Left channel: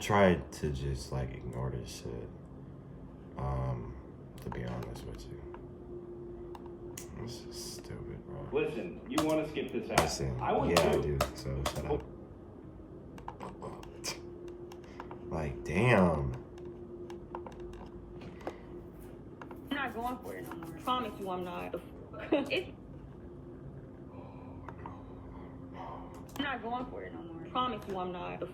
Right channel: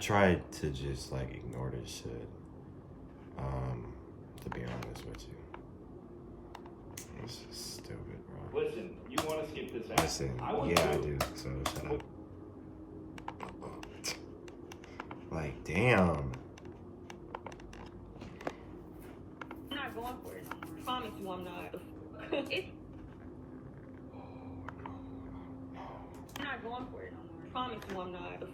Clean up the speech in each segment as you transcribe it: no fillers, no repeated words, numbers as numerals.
tried to just like ignore this shit. To be honest with you. This is stupid, bro. Listen, you want to skip this out? Listen, yeah, I do. So shut up. Like, damn. I'm not going for it no more. I promise you I'm not. I'm not going for it no more. I promise you I'm not.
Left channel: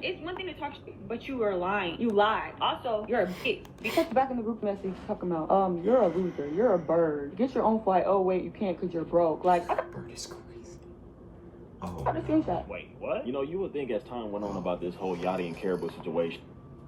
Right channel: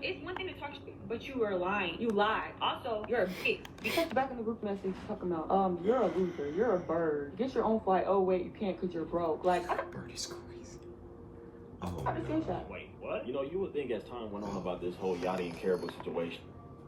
It's one thing to talk shit, but you were lying. You lied. Also, you're a bitch. Because back in the group message talking about, you're a loser. You're a bird. Get your own flight. Oh, wait, you can't because you're broke. Like, Bird is crazy. Oh, I just no. that. Wait, what? You know, you would think as time went on about this whole Yachty and Karrahboo situation.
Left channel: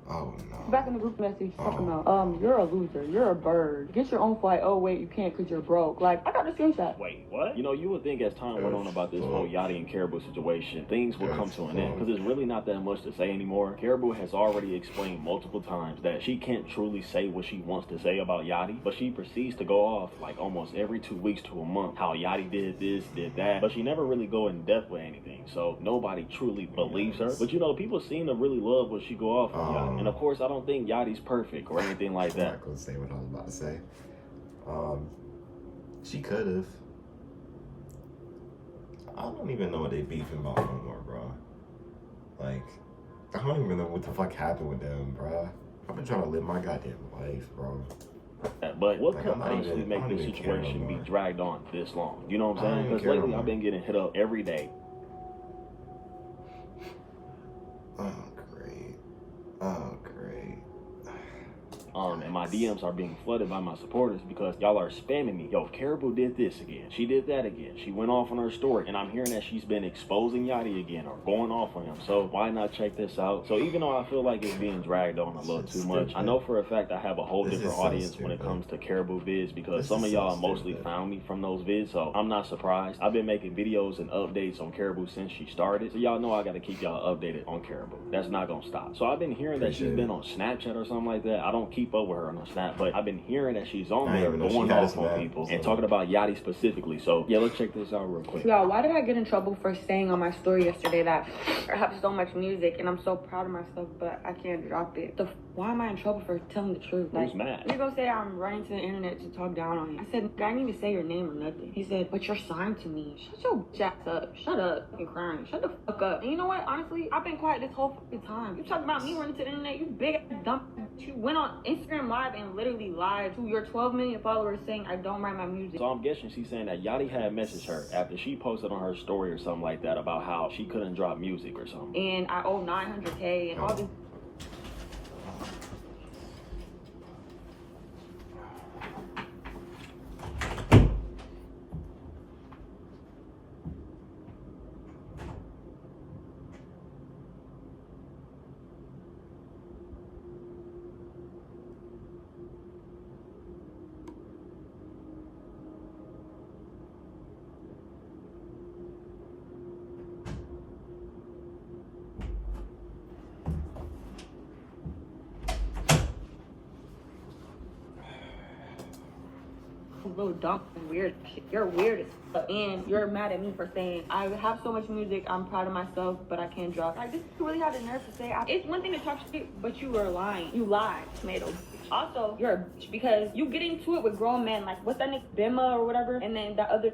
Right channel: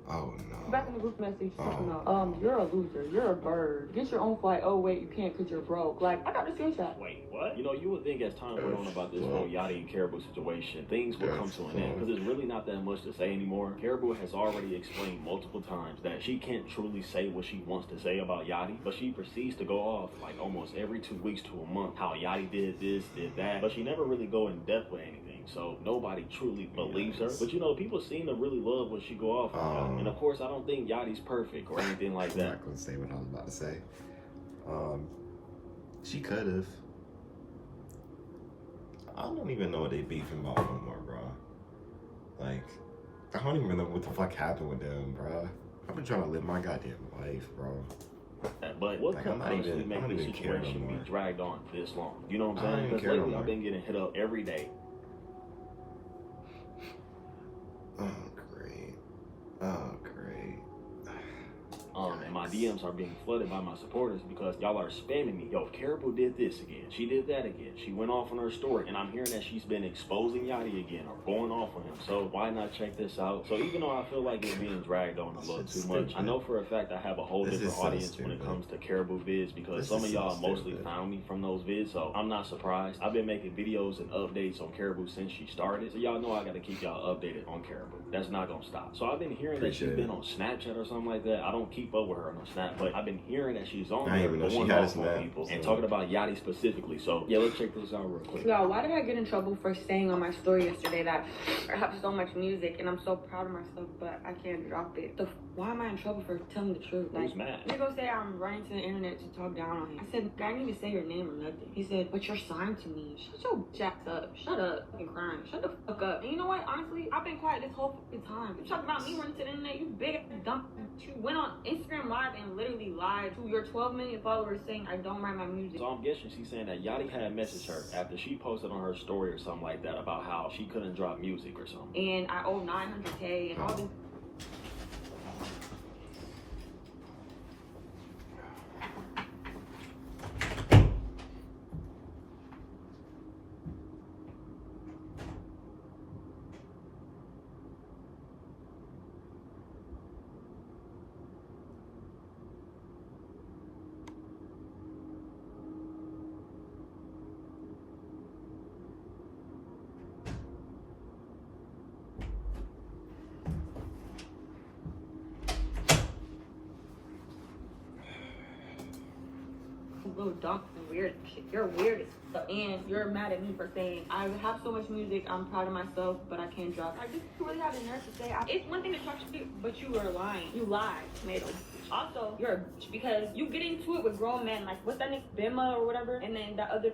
Oh, no. Back in the group message talking about, you're a loser. You're a bird. Get your own flight. Oh, wait, you can't because you're broke. Like, I got the screenshot. Wait, what? You know, you would think as time went on about this whole Yachty and Karrahboo situation, things would come to an end. Because there's really not that much to say anymore. Karrahboo has already explained multiple times that she can't truly say what she wants to say about Yachty, but she proceeds to go off like almost every 2 weeks to a month how Yachty did this, did that, but she never really go in depth with anything. So nobody truly believes her. But you know, people seem to really love what she go off on. And of course, I don't think Yachty's perfect or anything like that. I'm not gonna say what I was about to say. She could have. I don't even know what they beefing about no more, bro. Like, I don't even know what the fuck happened with them, bro. I've been trying to live my goddamn life, bro. But what like, could possibly make this care no situation more. be dragged on this long? You know what I I'm don't saying? even Because care no lately more. I've been getting hit up every day. Oh, great. Oh, great. And my DMs are being flooded by my supporters because y'all are spamming me. Yo, Karrahboo did this again. She did that again. She went off on her story, and I'm hearing that she's been exposing Yachty again or going off on him. So why not check this out? So even though I feel like it's being dragged on a little too much, I know for a fact I have a whole different audience when it comes to Karrahboo vids because some of y'all mostly found me from those vids. So I'm not surprised. I've been making videos and updates on Karrahboo since she started. So y'all know I got to keep y'all updated on Karrahboo. That's not going to stop. So I've been hearing that she's been on Snapchat or something like that. I don't keep up with her on Snap, but I've been hearing that she's on there going off on people and talking about Yachty specifically. So yeah, let's check this out real quick. Yo, why did I get in trouble for saying on my story yesterday that I have so much music and I'm so proud of myself, but I can't drop it? Why am I in trouble for telling the truth? Who's mad? You're gonna say I'm running to the internet to talk down on you. I said, I didn't even say your name or nothing. He said, but you're signed to me. Shut your jacks up. Shut up. You're crying. Shut the fuck up. And you know what? Honestly, I've been quiet this whole fucking time. You talk about me running to the internet, you big ass dumb. You went on Instagram Live and literally lied to your 12 million followers saying I don't write my music. So I'm guessing she's saying that Yachty had messaged her after she posted on her story or something like that about how she couldn't drop music or something. And I owe 900K and all this. Little dumb and weird shit. You're weird as fuck. And you're mad at me for saying I have so much music, I'm proud of myself, but I can't drop. Like, you really have the nerve to say it's one thing to talk shit, but you were lying. You lied, tomato. Also, you're a bitch because you get into it with grown men. Like, what's that nigga, Bima or whatever? And then that other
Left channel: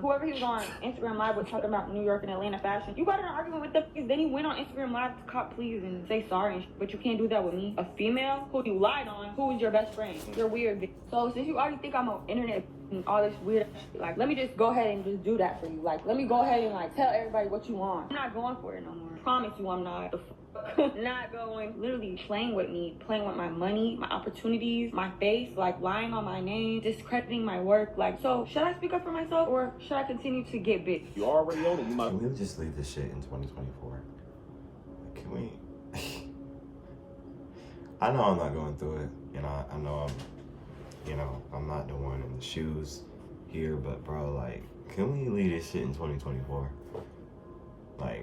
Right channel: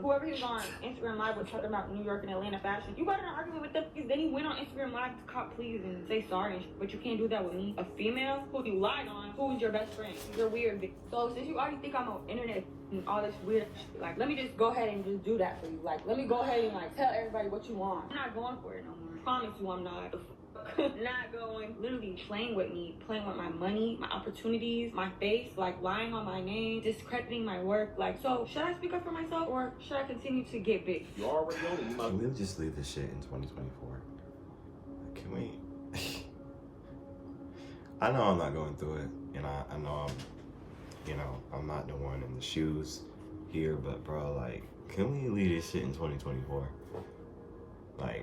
whoever he was on Instagram Live was talking about New York and Atlanta fashion. You got in an argument with them because then he went on Instagram Live to cop please and say sorry and shit. But you can't do that with me. A female who you lied on, who was your best friend. You're weird, bitch. So since you already think I'm on internet and all this weird shit, like, let me just go ahead and just do that for you. Like, let me go ahead and like tell everybody what you want. I'm not going for it no more. I promise you I'm not. Not going, literally playing with me, playing with my money, my opportunities, my face, like lying on my name, discrediting my work. Like, so should I speak up for myself or should I continue to get big? You already know that you might. Can we just leave this shit in 2024? Can we? I know I'm not going through it, and I know I'm not the one in the shoes here, but bro, like, can we leave this shit in 2024? Like,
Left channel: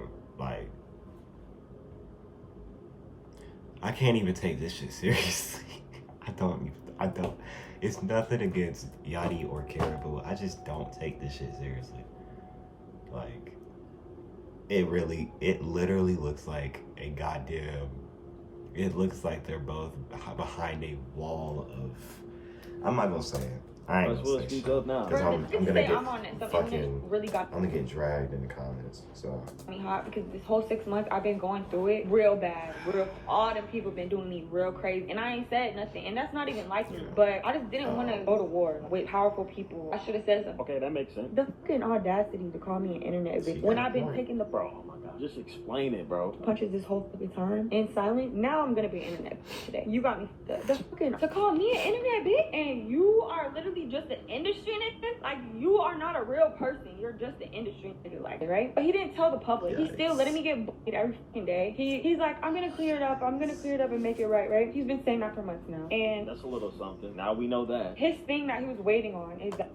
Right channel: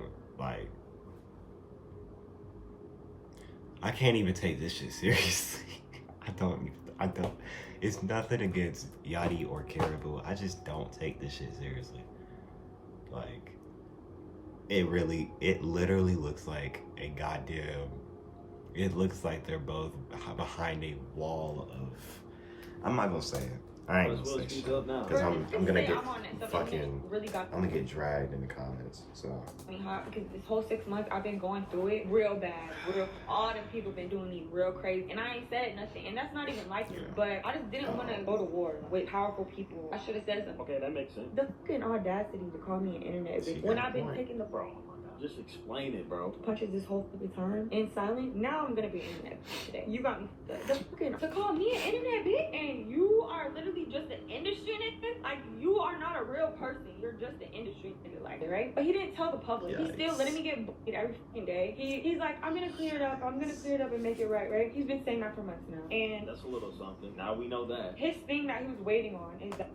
I can't even take this shit seriously. I don't. It's nothing against Yachty or Karrahboo. I just don't take this shit seriously. Like, it literally looks like a goddamn it looks like they're both behind a wall of. I'm not gonna say it. I ain't gonna say shit because I'm gonna get fucking. I'm gonna get dragged in the comments. So. Hot because this whole 6 months I've been going through it real bad. All the people been doing me real crazy, and I ain't said nothing, and that's not even like me. But I just didn't want to go to war with powerful people. I should have said something. Okay, that makes sense. The fucking audacity to call me an internet bitch when I've been taking the bro. Just explain it, bro. Punches this whole fucking time in silent. Now I'm gonna be an internet bitch today. You got me. The fucking to call me an internet bitch, and you are literally just an industry nigga. Like you are not a real person. You're just an industry nigga, like right. But he didn't tell the public. Yikes. He's still letting me get bullied every fucking day. He's like, I'm gonna clear it up. I'm gonna clear it up and make it right, right. He's been saying that for months now. And that's a little something. Now we know that. His thing that he was waiting on is that.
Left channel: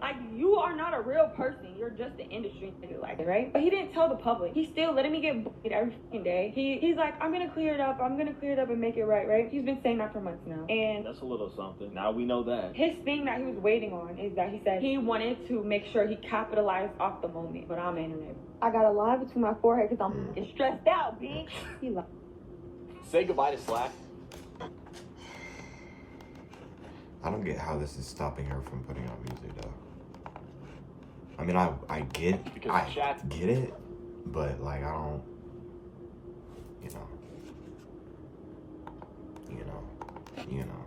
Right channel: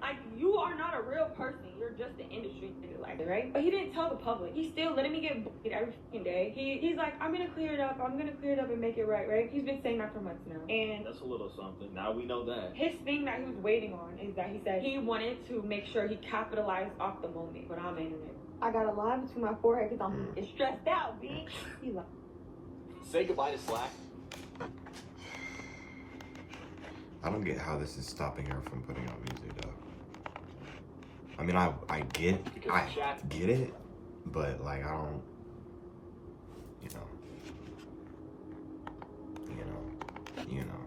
Like you are not a real person. You're just an industry nigga, like right. But he didn't tell the public. He's still letting me get bullied every fucking day. He's like, I'm gonna clear it up. I'm gonna clear it up and make it right, right. He's been saying that for months now. And that's a little something. Now we know that. His thing that he was waiting on is that he said he wanted to make sure he capitalized off the moment. But I'm internet. I got a line between my forehead because I'm stressed out, bitch. He like. Say goodbye to Slack. I don't get how this is stopping her from putting out music though. I mean, I get it, but like I don't, you know,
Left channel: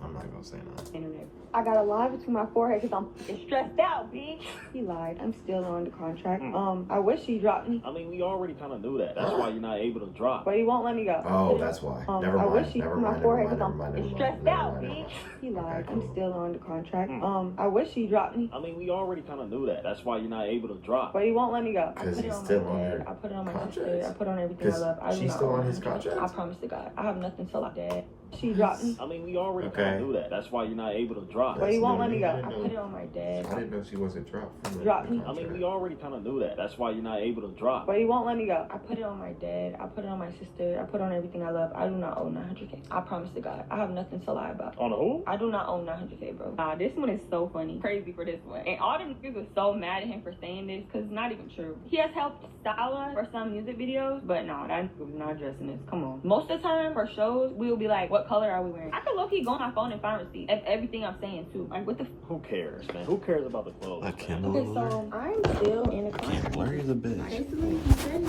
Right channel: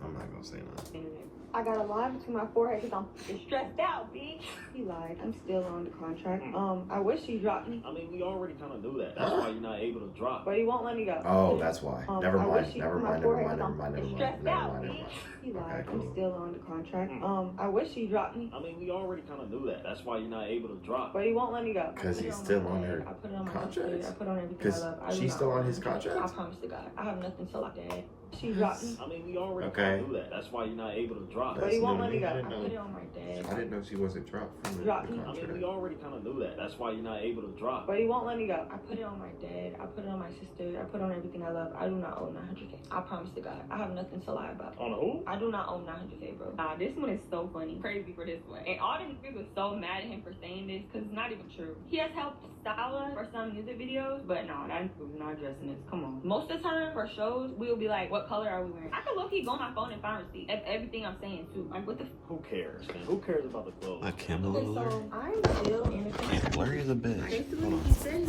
I'm not gonna say nothing. I got a line between my forehead because I'm stressed out, bitch. He lied. I'm still on the contract. I wish he dropped me. I mean, we already kind of knew that. That's why you're not able to drop. But he won't let me go. Oh, that's why. Never mind. He lied. I'm still on the contract. I wish he dropped me. I mean, we already kind of knew that. That's why you're not able to drop. But he won't let me go. Because he's still on her contract. I put on everything I love. She's still on his contract? I promise to God. I have nothing till I'm dead. She dropped me. I mean, we already kind of knew that. That's why you're not able to drop. But he won't let me go. I put it on my dad. I didn't know she wasn't dropped from the contract. I mean, we already kind of knew that. That's why you're not able to drop. But he won't let me go. I put it on my dad. I put it on my sister. I put it on everything I love. I do not own 900K. I promise to God. I have nothing to lie about. On who? I do not own 900K, bro. This one is so funny. Crazy for this one. And all the niggas was so mad at him for saying this because it's not even true. He has helped style us for some music videos, but no, that was not addressing this. Come on. Most of the time for shows, we'll be like, what color are we wearing? I can low-key go on my phone and find receipts of everything I'm saying too. Like, what the Who cares, man? Who cares about the clothes? A Kindle alert? So I'm still in a contract. Blurry as a bitch. Basically, he said he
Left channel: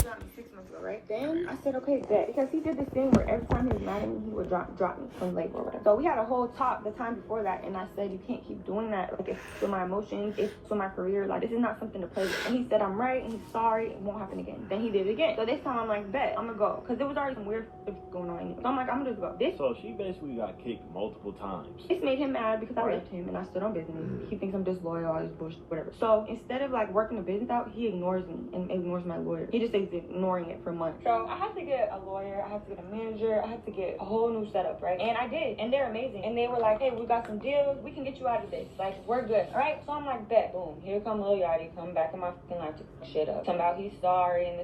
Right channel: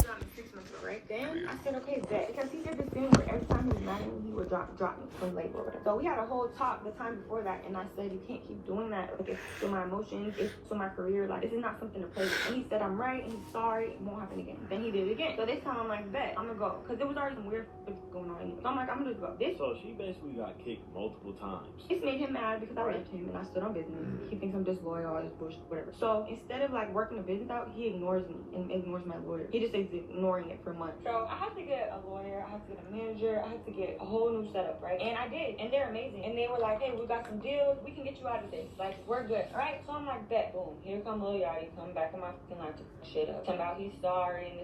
dropped me 6 months ago, right? Then I said, okay, bet. Because he did this thing where every time he was mad at me, he would drop me and like whatever. So we had a whole talk the time before that, and I said, you can't keep doing that. Like, it's to my emotions, it's to my career. Like, this is not something to play with. And he said, I'm right, and he's sorry, it won't happen again. Then he did it again. So this time I'm like, bet, I'm gonna go. Because there was already some weird stuff going on anyway. So I'm like, I'm gonna just go. So she basically got kicked multiple times. This made him mad because I left him and I stood on business. He thinks I'm disloyal, all this bullshit, whatever. So instead of like working the business out, he ignores me and ignores my lawyer. He just stays ignoring it for months. So I have to get a lawyer, I have to get a manager, I have to get a whole new setup, right? And I did, and they're amazing. And they were like, hey, we got some deals, we can get you out of this. Like, we're good, all right? So I'm like, bet, boom. Here comes Lil Yachty coming back in my fucking life to fuck shit up. Talking about he's sorry and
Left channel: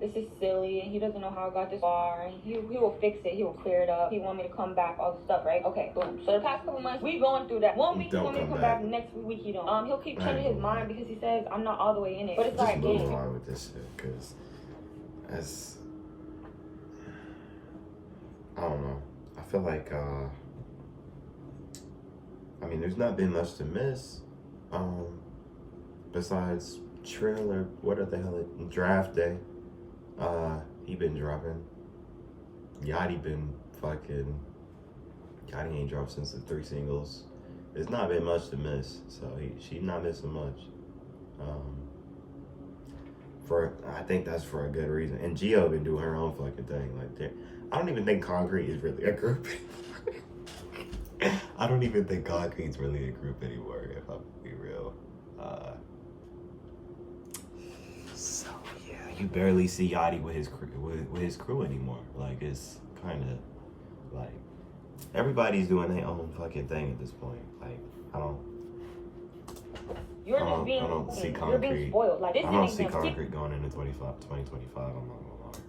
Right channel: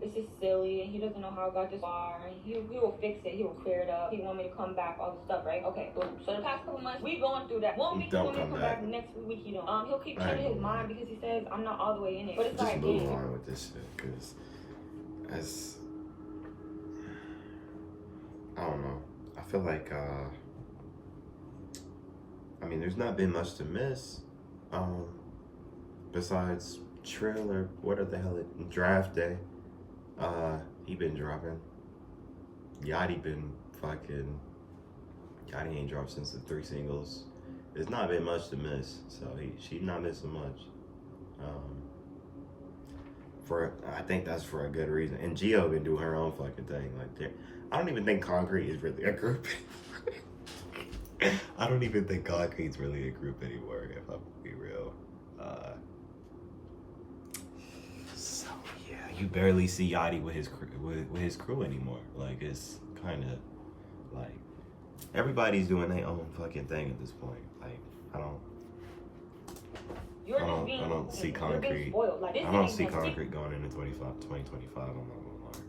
this is silly and he doesn't know how I got this far and he will fix it, he will clear it up. He want me to come back, all this stuff, right? Okay, boom. So the past couple months, we going through that. 1 week he want me to come back, the next week he don't. He'll keep changing his mind because he says I'm not all the way in it. But it's just like, move on with this shit, because I don't know. I feel like I mean, there's not been much to miss. Besides Trill or what the hell draft day. He been dropping. Yachty ain't dropped since the 3 singles. There's not been much to miss, so she's not missing much. I think that's for a good reason. And Gio been doing her own fucking thing. Like, I don't even think Concrete is really a group. I don't even think Concrete's really a group anymore, if I'm be real. So yeah, you barely see Yachty with his crew anymore. Like, it's kind of like everybody's doing their own fucking thing at this point. Like, I don't see Concrete. Like, I don't see Concrete going into 2025. I'm not gonna lie.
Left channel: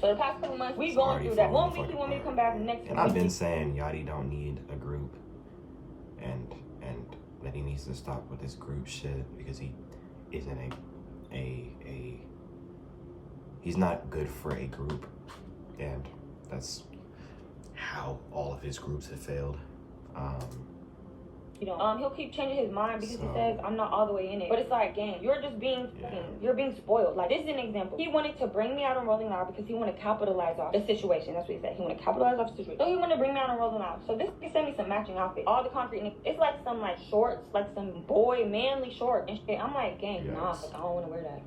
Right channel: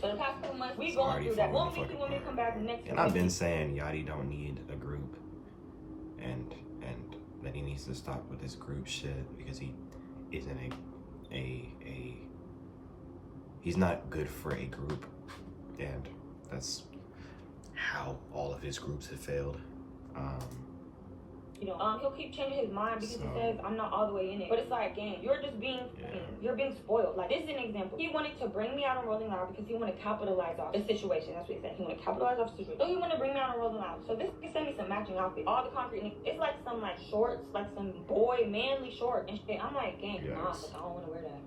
So the past couple months, we going through that. 1 week you want me to come back, the next week. And I've been saying Yachty don't need a group, and that he needs to stop with this group shit because he isn't he's not good for a group, and that's how all of his groups have failed. He'll keep changing his mind because he says I'm not all the way in it. But it's like, gang, you're just being, you're being spoiled. Like, this is an example. He wanted to bring me out on Rolling Loud because he wanted to capitalize off the situation. That's what he said. He wanted to capitalize off the situation. So he wanted to bring me out on Rolling Loud. So this he sent me some matching outfits. All the concrete. It's like some like shorts, like some boy manly shorts and shit. I'm like, gang, nah, like, I don't want to wear that.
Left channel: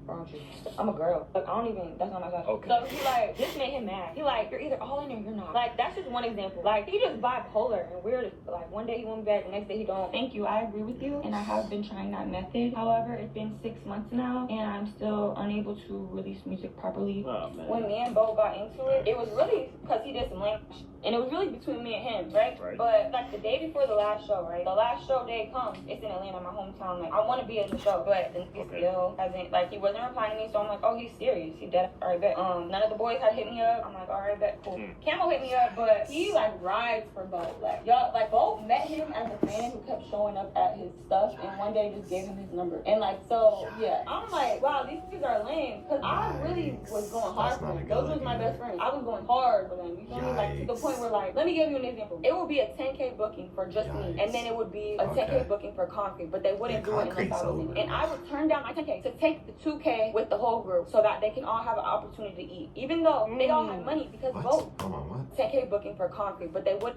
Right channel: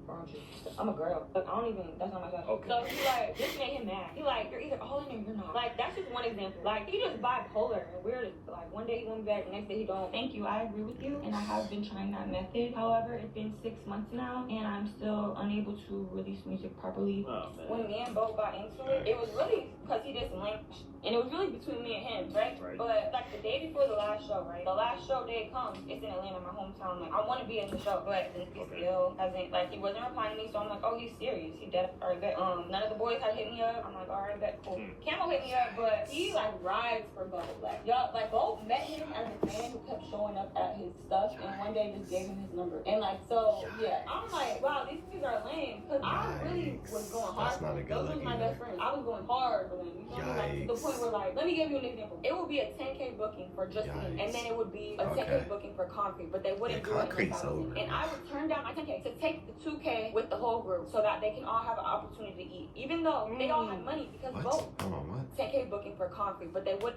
I'm a girl. Like, I don't even. That's not my size. Okay. So he like, this made him mad. He like, you're either all in or you're not. Like, that's just one example. Like, he just bipolar and weird. Like, one day he went back, the next day he don't. Thank you. I agree with you, and I have been trying that method. However, it's been 6 months now, and I'm still unable to release music properly. When me and Bo got into it, it was really because he did some language, and it was really between me and him, right? But like the day before the last show, right? The last show day comes. It's in Atlanta, my hometown. Like, I want to be in the show, but the nigga still hasn't. Like, he wasn't replying to me, so I'm like, oh, he's serious. He dead. All right, bet. None of the boys had hit me up. I'm like, all right, bet. Cool. Camel hit me up, but he like rides for Bo. Like, y'all, like Bo met him as a fan who kept showing up at his stuff, and one day just gave him his number. And like, so yeah, I'm like, wow, these kids are lame, because I really was going hard. That's not a good Those was my best friends. I was going hard for them. You feel me? Like, to the point where, like, let me give you an example. It would be a 10K booking for just me, and then it would be a 10K booking for Concrete, but they wouldn't do it unless I was in. And I would turn down my 10K to take the 2K with the whole group so that they can all have an opportunity to eat, even though they all have money because both 10K booking for Concrete, but they would.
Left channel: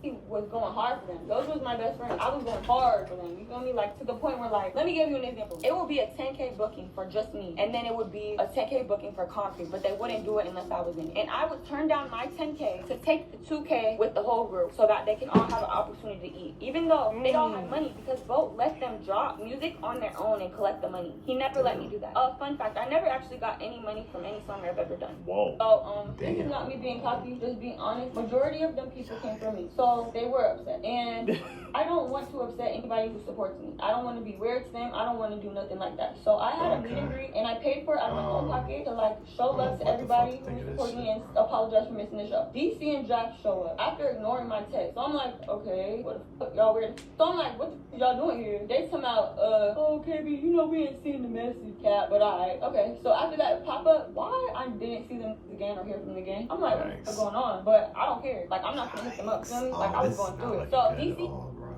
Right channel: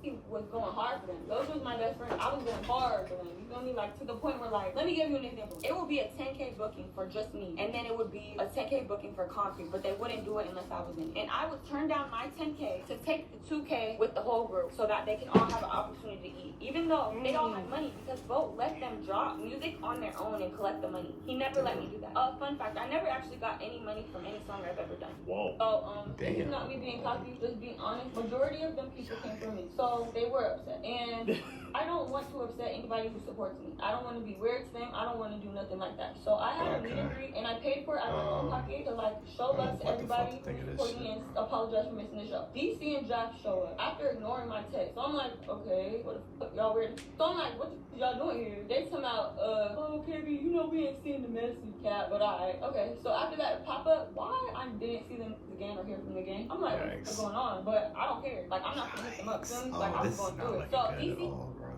He was going hard for them. Those was my best friends. I was going hard for them. You feel me? Like, to the point where, like, let me give you an example. It would be a 10K booking for just me, and then it would be a 10K booking for Concrete, but they wouldn't do it unless I was in it. And I would turn down my 10K to take the 2K with the whole group so that they can all have an opportunity to eat, even though they all have money, because Bo let them drop music on their own and collect the money. He never let me do that. Fun fact, I never actually got any money from any song I've ever done. Whoa. So, it's not me being cocky, just being honest. Majority of them people came from me. So they were upset, and I don't want to upset anybody who supports me. I don't want to be weird to them. I don't want to do nothing like that. So I had a meet and greet, and I paid for it out of my pocket to like show love to everybody who supported me and apologize for missing the show. DC and Jack show up after ignoring my text. So I'm like, okay, what the fuck, y'all weird? So I'm like, what y'all doing here? They come out, oh, KB, you know we ain't seen the message, cat, but alright. Okay, so after that pop up, why I didn't see them again or hear from them again? I'm like, what's going on? But I don't care. Like, I'm not gonna hit them up. Feel me? Like, I was going through it. So good at all, bro.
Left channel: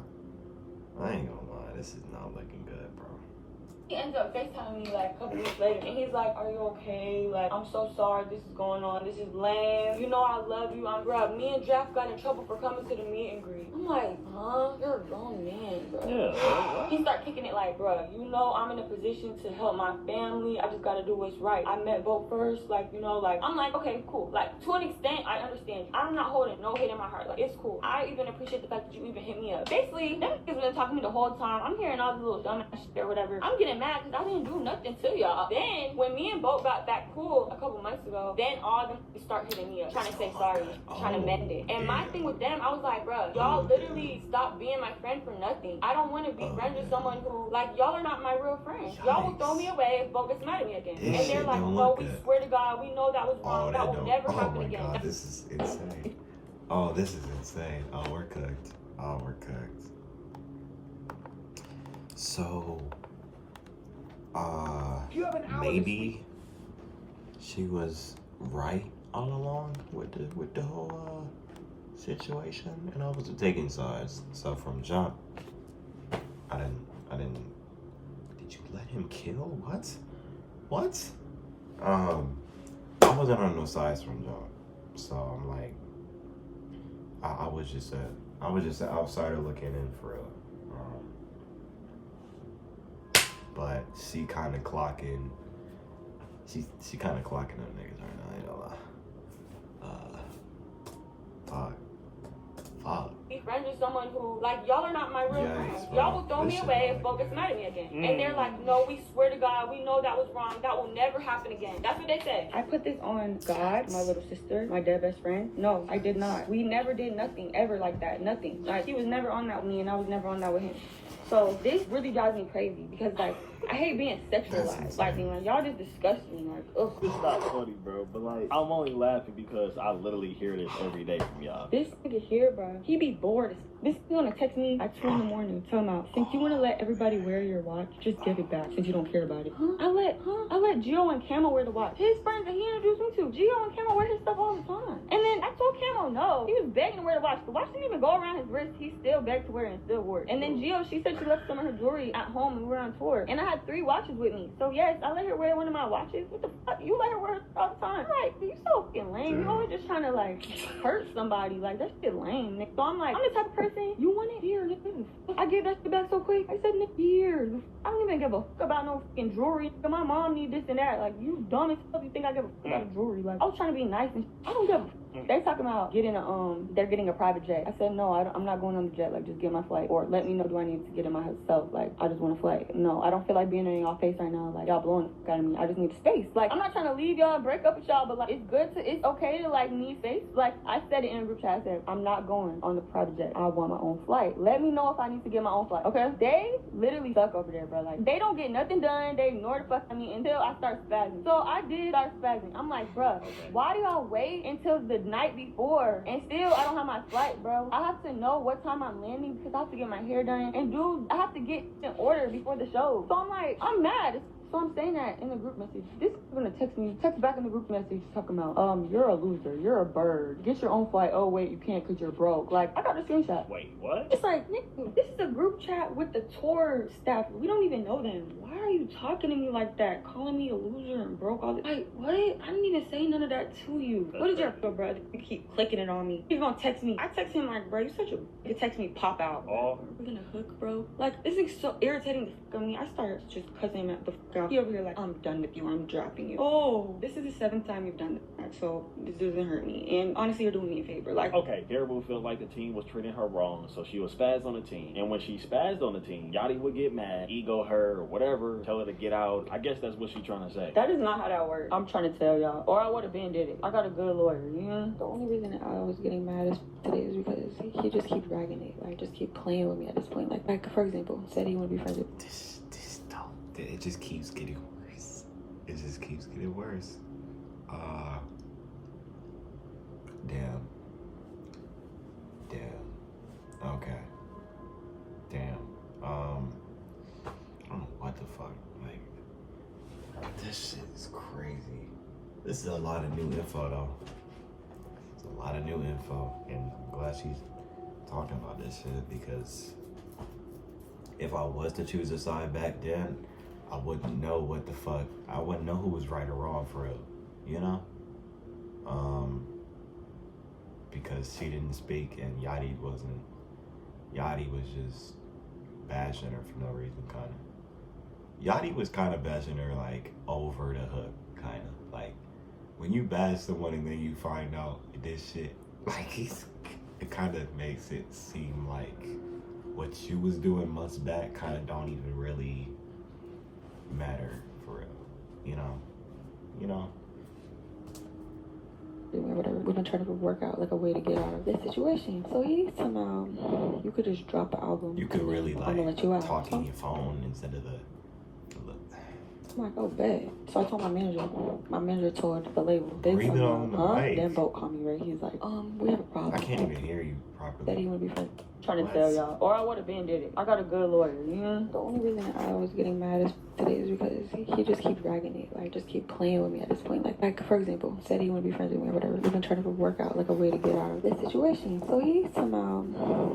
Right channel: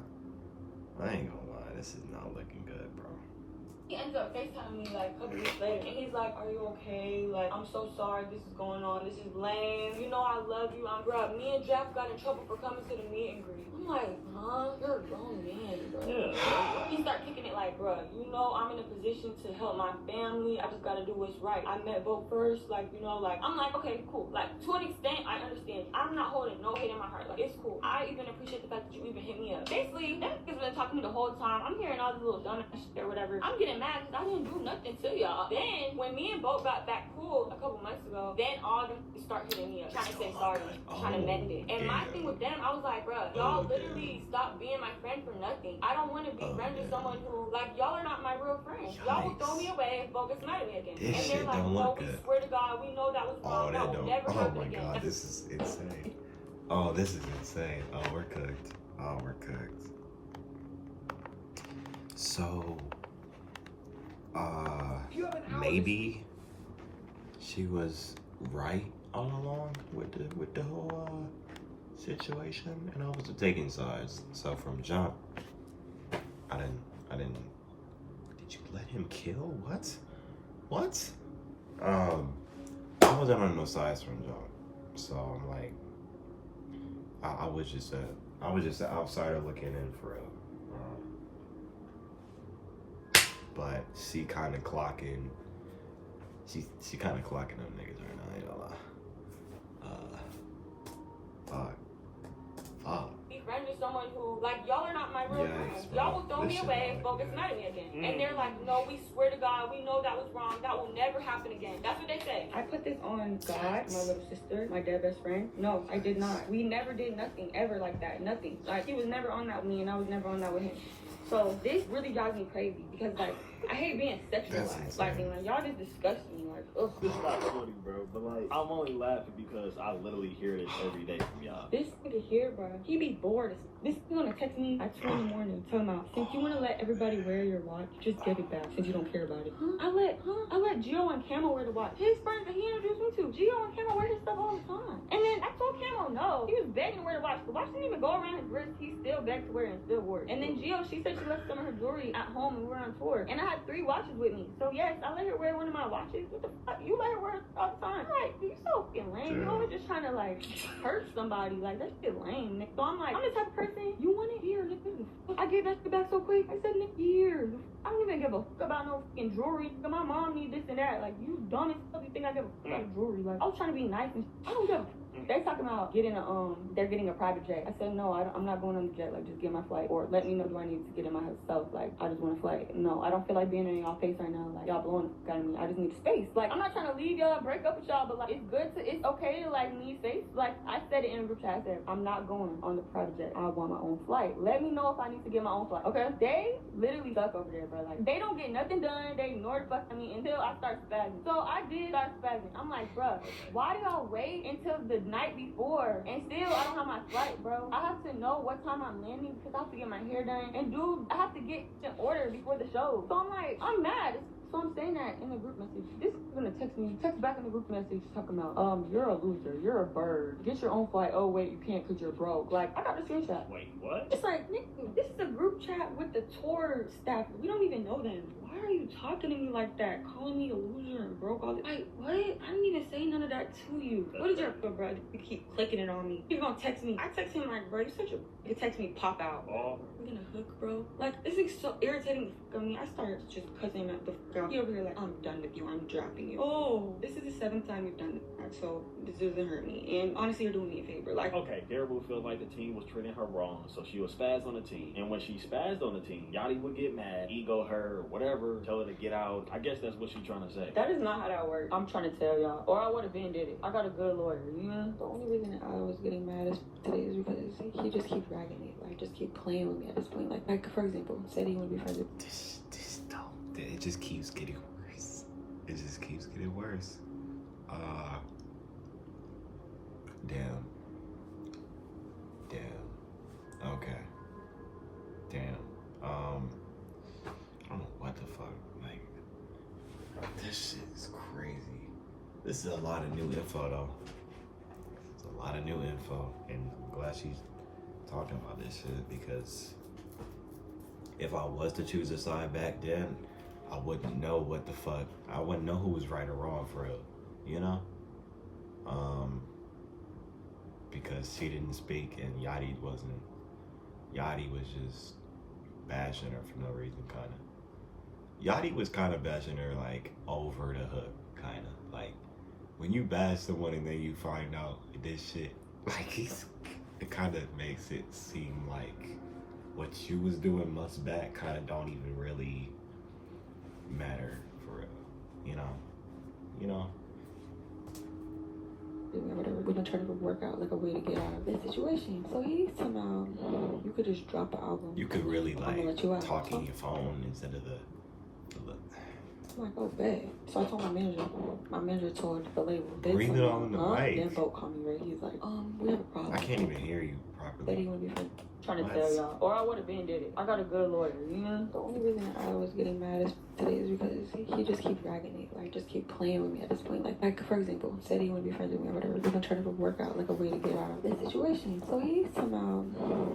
I ain't gonna lie, this is not looking good, bro. He ends up FaceTiming me like a couple weeks later, and he's like, are you okay? Like, I'm so sorry this is going on. This is lame. You know I love you. I'm bro. Me and Jack got in trouble for coming to the meet and greet. I'm like, huh? You're a grown man, bro. Yeah. He started kicking it like, bro, you know I'm in a position to help my family. I just gotta do what's right. I met Bo first, like, you know, like, I'm like, okay, cool. Like, to an extent, I understand. I'm not holding no hate in my heart. Like, it's cool. I even appreciate the fact that you even hit me up. Basically, that nigga's been talking to me the whole time. I'm hearing all this little dumbass shit or whatever. I'm getting mad because I didn't do nothing to y'all. Then, when me and Bo got back cool a couple months ago, then all them start hitting me up, trying to say sorry, trying to mend it. And my thing with them, I was like, bro, y'all literally stopped being my friend for nothing. I don't want to be friends with someone who, like, y'all are not my real friends. Y'all will throw me away if Bo gets mad at me again. And they're like, no, we swear to God, we know that was wrong. That will never happen again. God, this is insane. Oh, this is insane. Oh, we're cooked. Oh, we're cooked. So, maybe she was right all along with the whole situation, and I was taking sides. So from jump, I didn't. Did you let him kill? What? I wasn't on no sides from jump. So I'm like, I was just an outsider looking in for real. But she kind of clocking. She kind of clocking them niggas right now. I ain't gonna lie. Fuck. Be friends with someone who, like, y'all are not my real friends. Y'all will throw me away if Bo gets mad at me again. And they're like, no, we swear to God, we know that was wrong. That will never happen again. That's what they say. I put this on God, my little sister, my dead best friend. No, I did not. We never did nothing ever like that. Nothing. Like, he was never on that with me, and I was never on that with him. So this really drives me crazy because like I hate being sexualized. Like y'all just disgust me. Like, ugh. It's not funny, bro, but like I'm only laughing because I literally hear this every day from y'all. This nigga here, bro, he be bored. This nigga wanna text me at 2 in the morning, tell him out. Since you wanna let everybody wear your watch, just give it back since you don't care about it. I let Gio and Camo wear the watch. His friends that he introduced me to, Gio and Camo wear his stuff all the time. And then I told Camo no. He was begging to wear the watch. The watch didn't even go around his wrist. He still begged to wear it and still wore it. And then Gio, she said she left some of her jewelry at home and we were on tour. And I had 3 watches with me. So yes, I let her wear one of my watches. What the fuck? You let her wear it all the time. I'm like, you so fucking lame. You always just trying to like hurt somebody. Like that shit lame, Nick. So I'm like, I'm the type of person, you want it here, nigga. I get that shit back so quick. I said, Nick, here. I don't even give a fuck about no fucking jewelry. My mom need this and that. Like, you dumb as fuck. You think I give a fuck about jewelry? Like, I was trying to be nice and I don't give a fuck. They talking about getting a they're getting a private jet. I said no, I'm not going on the jet. Like just get my flight or let me know do I need to get in myself. Like I just want to fly. No, I don't feel like being in y'all face right now. Like y'all blowing the fuck out of me. I just need space. Like I'm not trying to leave y'all and break up with y'all, but like it's okay to like need space. Like I said it in a group chat. I said I'm not going on the private jet. I want my own flight. Let me know if I need to get my own flight. Okay? They literally suck over there, bro. Like they don't get nothing done. They ignore the fuck out of me until I start spazzing. So I did start spazzing. I'm like, bro, why do y'all wait until the night before? And still, I don't have my flight, bro. I have to know what time I'm landing because I have to get my hair done. And dude, I have to get in order before the show. So I'm like, I'm mad. So I'm saying that in the group message. This is gonna text back in the group message talking about, you're a loser, you're a bird. Get your own flight. Oh wait, you can't because you're broke. Like, I got the screenshot. Wait, what? It's like, Nick, this is a group chat with the tour staff. We don't even know them. Why are you talking to me like that? Calling me a loser and broke all this. Like, what? I didn't even say none of that to you. What is your bro? You keep clicking it on me. He's gonna text me. I text him like, bro, you such a. You text me, pop out. Oh. We're gonna hook, bro. Like, this is so irritating the fuck on me. I started just cussing him the fuck out. He over here like, I'm done with you. I'm dropping you. Oh, this is the 7th time you've done it. So this doesn't hurt me. And honestly, you're doing me a favor. Like, okay, Karrahboo feels like the team was treating her wrong, so she was spazzed on the team. And when she spazzed on the team, Yachty would get mad, ego her or whatever, tell her to get out. I guess that's what she's trying to say. That is not how that works. I'm trying to tell y'all. Or I would have been did it. I got a good lawyer, you know? The only reason that I was getting mad today is because he just keep dragging it. Like, just keep playing with me at this point. Like for example, said he would be friends with No, it just keeps getting worse. It just keeps getting worse. Damn. Okay. Damn. I don't know what the fuck. Like, this shit is crazy. This is a lot of new info, though. It's a lot of new info, and I'm glad she's talking about this shit because if I was to choose a side back then, I wouldn't know what the fuck. I wouldn't know who was right or wrong for real, you know? Because she didn't speak and Yachty was just bashing her for no reason, kind of. Yachty was kind of bashing her like over the hook, kind of. Like, when you bash someone and then you find out this shit, like, it kind of makes it seem like what you was doing months back kind of don't even really matter for real, you know? whatever. We've been trying to work out like a way to get out of this situation. So he's somehow, you could just drop an album. You could really like talk in your phone instead of the I'm like, oh, bet. So I told my manager told the label. Breathe it on the mic. Then Vote called me, right? He's like, we have a problem. I can't even hear you properly. That he would be trying to tell y'all. Or I would have been did it. I got a good lawyer, you know? The only reason I was getting mad today is because he just keep dragging it. Like, just keep playing with me at this point. Like for example, said he would be friends with me or whatever. We've been trying to work out like a way to get out of this situation. So he somehow,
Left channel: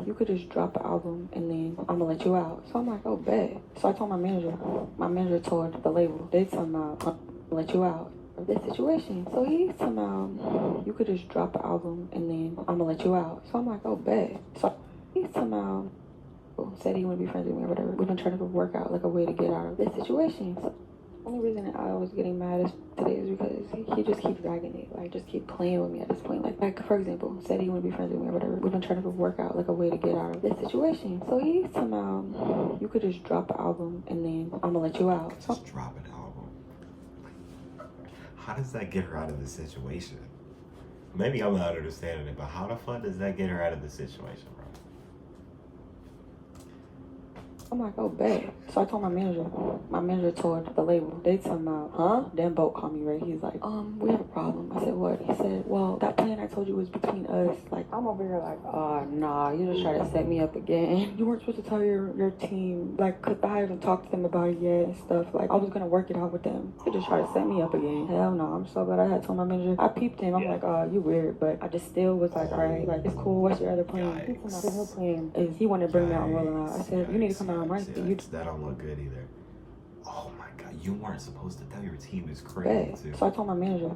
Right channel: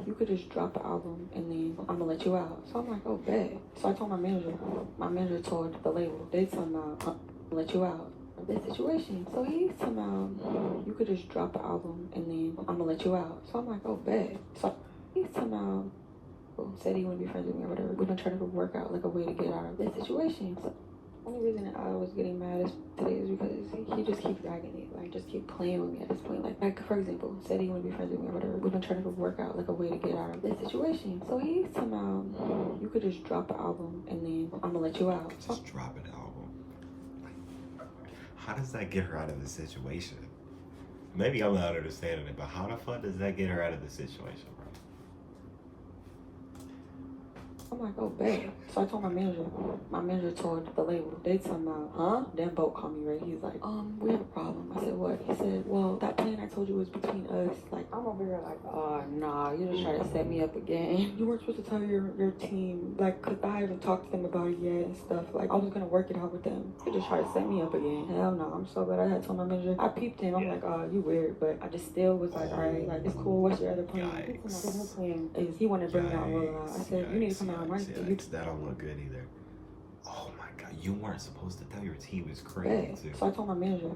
you could just drop an album and then I'm gonna let you out. So I'm like, oh, bet. So I told my manager told the label, they somehow let you out of this situation. So he somehow, you could just drop an album and then I'm gonna let you out. So I'm like, oh, bet. So he somehow said he wouldn't be friends with me or whatever. We've been trying to work out like a way to get out of this situation. So the only reason that I was getting mad today is because he just keep dragging it. Like, just keep playing with me at this point. Like for example, said he wouldn't be friends with me or whatever. We've been trying to work out like a way to get out of this situation. So he somehow, you could just drop an album and then I'm gonna let you out. Just drop an album. How does that get her out of the situation? Maybe I'm not understanding it, but how the fuck does that get her out of the situation, bro? I'm like, oh, bet. So I told my manager told the label, they talking about, huh? Then Boat called me, right? He's like, we have a problem. I said, what? He said, well, that plan I told you was between us. Like, I'm over here like, nah, you just try to set me up again. You weren't supposed to tell your team, like, cause I hadn't talked to them about it yet and stuff. Like, I was gonna work it out with them. You just try to set me up again. Hell no, I'm so glad I had told my manager. I peeped him. I'm like, you weird, but I just still was like, alright, like, it's cool. What's your other plan? His other plan is he wanted to bring me out and roll out. I said, you need to come out and run. That don't look good either. Oh my god, you weren't supposed to tell your team is crazy. Yeah. So I told my manager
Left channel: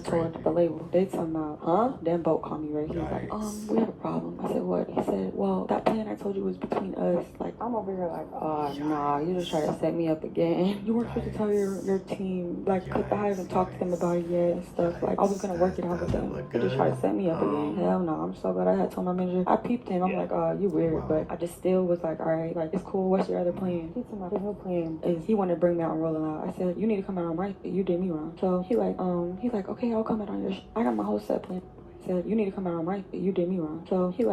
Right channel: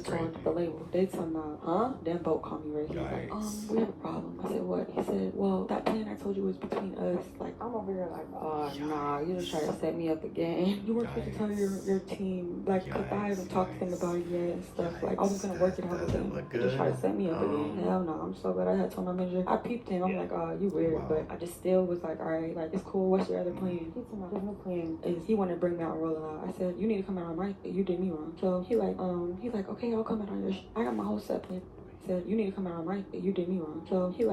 told the label, they talking about, huh? Then Boat called me, right? He's like, we have a problem. I said, what? He said, well, that plan I told you was between us. Like, I'm over here like, nah, you just try to set me up again. You weren't supposed to tell your team, like, cause I hadn't talked to them about it yet and stuff. Like, I was gonna work it out with them. You just try to set me up again. Hell no, I'm so glad I had told my manager. I peeped him. I'm like, you weird, but I just still was like, alright, like, it's cool. What's your other plan? His other plan is he wanted to bring me out and roll out. I said, you need to come out and right. You did me wrong. So he's like, okay, I'll come out on your I got my whole set plan. I said, you need to come out and right. You did me wrong. So his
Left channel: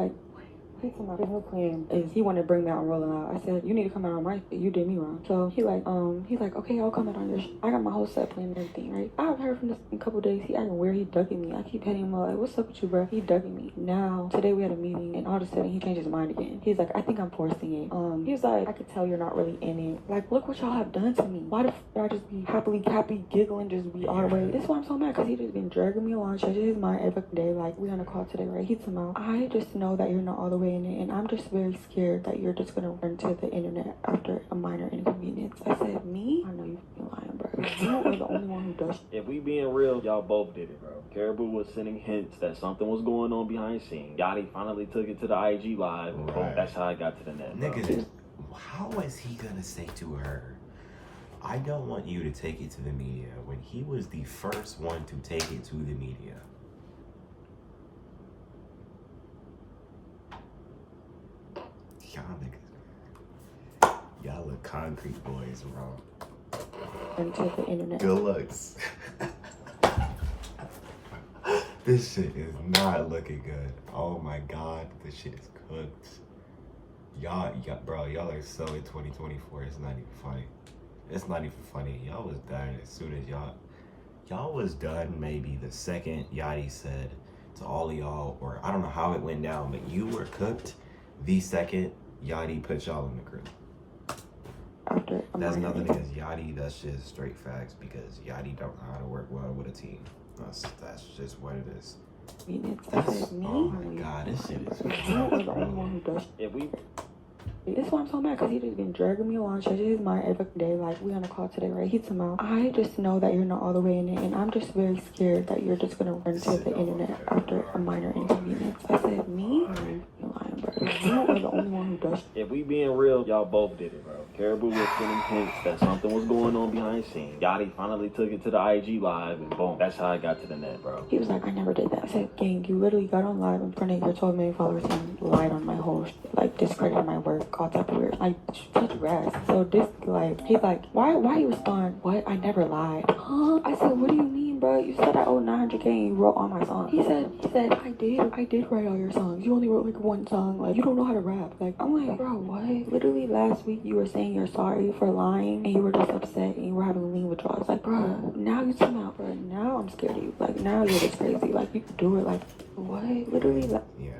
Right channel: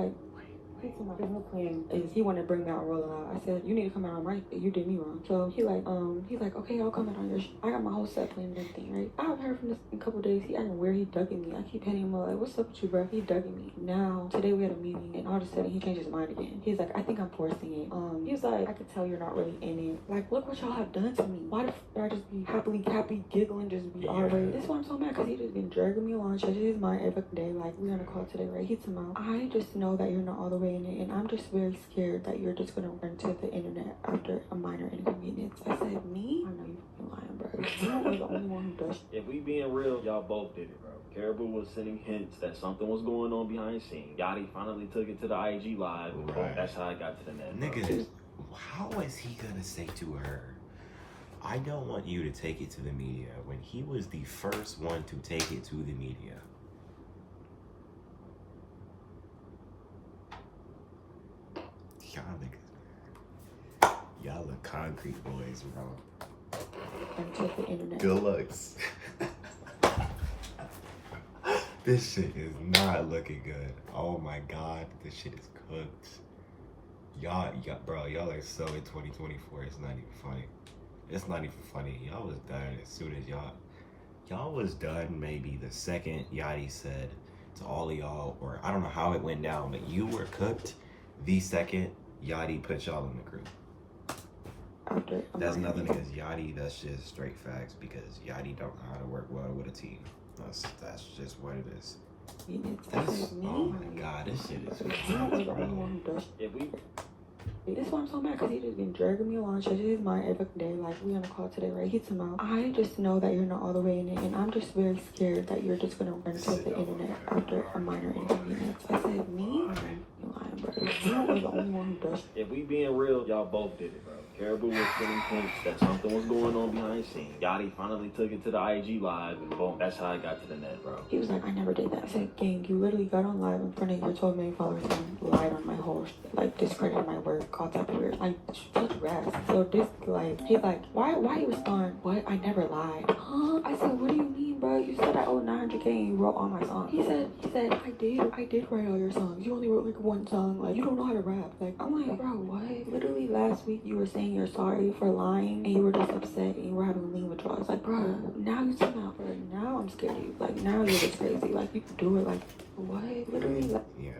whole plan is he wanted to bring me out and roll out. I said, you need to come out and right. You did me wrong. So he's like, okay, I'll come out on your I got my whole set plan and everything, right? I haven't heard from this in a couple days. He acting weird. He ducking me. I keep hitting him like, what's up with you, bro? He ducking me. Now, today we had a meeting and all of a sudden he changed his mind again. He's like, I think I'm forcing it. He was like, I could tell you're not really in it. Like, look what y'all have done to me. Why the f I just be happy, giggling, just be all the way? This is why I'm so mad, because he just been dragging me along, changing his mind every day. Like, we're gonna call today, right? He's about, I just know that you're not all the way in it, and I'm just very scared that you're just gonna run to the internet after a minor inconvenience. I said, me? I know you're lying, bro. You're the only one who does. If we being real, y'all both did it, bro. Karrahboo was sending hints that something was going on behind the scenes. Yachty finally took it to the IG live. Right. That's how I got to the net. Nigga, how is he gonna say to her, I don't want you to take it to the media, when he was the first one to take it to the media? Y'all look concrete boys, bro. Until the internet. Good looks. This shit is not looking good. Oh my god, this shit is cooked. Y'all, y'all are so in 2024. It's not even funny. It's not even funny. Y'all was done as soon as y'all was done. Maybe the second Yachty said to all of y'all, or I don't know how it went down, but you were cooked the second Yachty put y'all in the group. That's nothing against Yachty. That's just straight facts, because Yachty don't know how to work well with a team. That's just what it is. Oh my god, this shit is bro. This is why I'm so mad, because he just been dragging me along, changing his mind every day. Like, we're gonna call today, right? He's about, I just know that you're not all the way in it, and I'm just very scared that you're just gonna run to the internet after a minor inconvenience. I said, me? You're lying, bro. You're the only one who does. If we being real, y'all both did it, bro. Karrahboo was sending hints that something was going on behind the scenes. Yachty finally took it to the IG live, and boom, that's how I got to the net, bro. He was like, I never did that. I said, gang, you literally got on live in front of your 12 million followers and lied on my whole, like, discredited my work, all type of weird. Like, touch grass. So this, like, he's like, why you respond? What? I never lied. Huh? I said, what do you mean, bro? You said I owe 900K and you wrote all my songs. He said, I did write all your songs. You only wrote like one song. Like, you don't know how to rap. Like, I'm like, bro, what? Literally last week you were saying you're sorry for lying and you were just upset and you were having lean withdrawals. Like, bro, now you come out, bro. Now I'm scared of you. Like, now you're just crazy. Like, you can do it. Like, what? Literally. Like, yeah,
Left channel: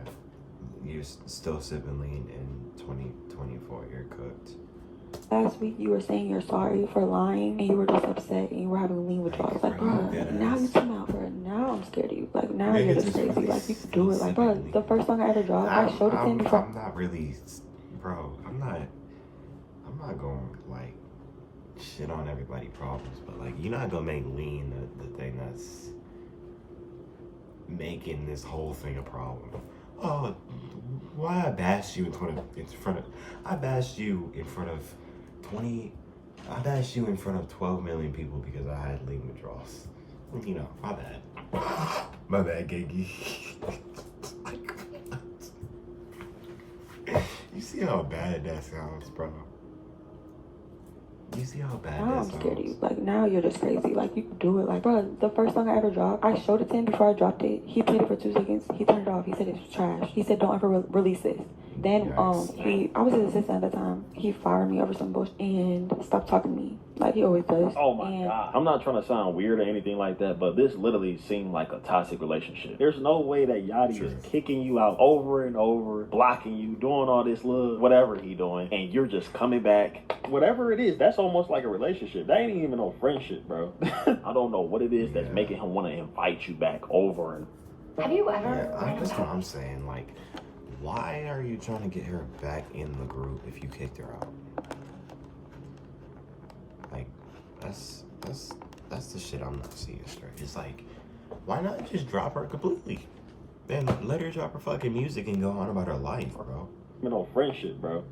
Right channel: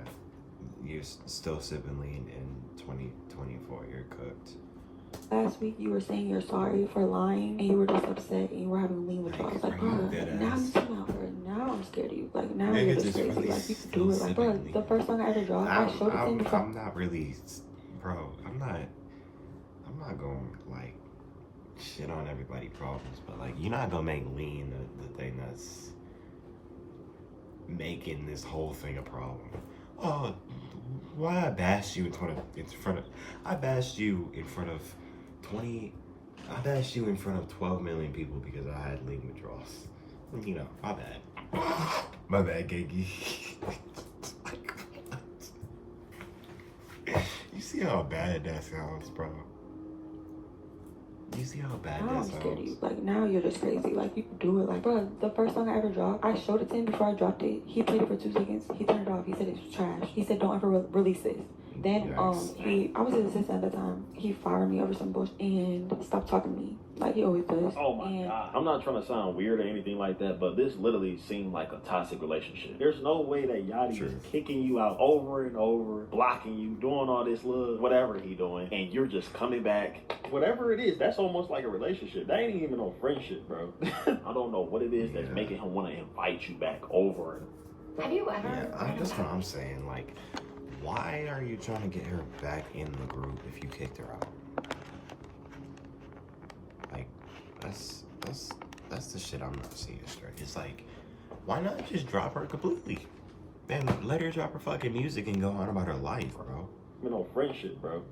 you're still sipping lean in 2024. You're cooked. Last week you were saying you're sorry for lying and you were just upset and you were having lean withdrawals. Like, bro, now you come out, bro. Now I'm scared of you. Like, now you're just crazy. Really, like, you can do it. Like, bro, the first song I ever dropped, I showed it to him before. I'm not really, bro. I'm not going like shit on everybody problems, but like, you're not gonna make lean the thing that's making this whole thing a problem. Oh, why I bashed you in front of I bashed you in front of 12 million people because I had lean withdrawals. You know, my bad, Gaggy. Like, you see how bad that sounds, bro? You see how bad that sounds? I'm scared of you. Like, now you're just crazy. Like, you can do it. Like, bro, the first song I ever dropped, I showed it to him before I dropped it. He played it for 2 seconds. He turned it off. He said it was trash. He said, don't ever release this. Then Yikes. I was his assistant at the time. He fired me over some bullshit and stopped talking to me like he always does. Oh my god. I'm not trying to sound weird or anything like that, but this literally seemed like a toxic relationship. There's no way that Yachty is kicking you out over and over, blocking you, doing all this little whatever he doing, and you're just coming back. Whatever it is, that's almost like a relationship. That ain't even no friendship, bro. I don't know what it is that's making him want to invite you back over. Have you ever? Yeah, that's what I'm saying. Like, why are you trying to get her back in the group if you kicked her out? Like, that's the shit I'm not seeing straight. It's like, why not just drop her completely? Man, let her drop her fucking music and go on about her life, bro. No friendship, bro.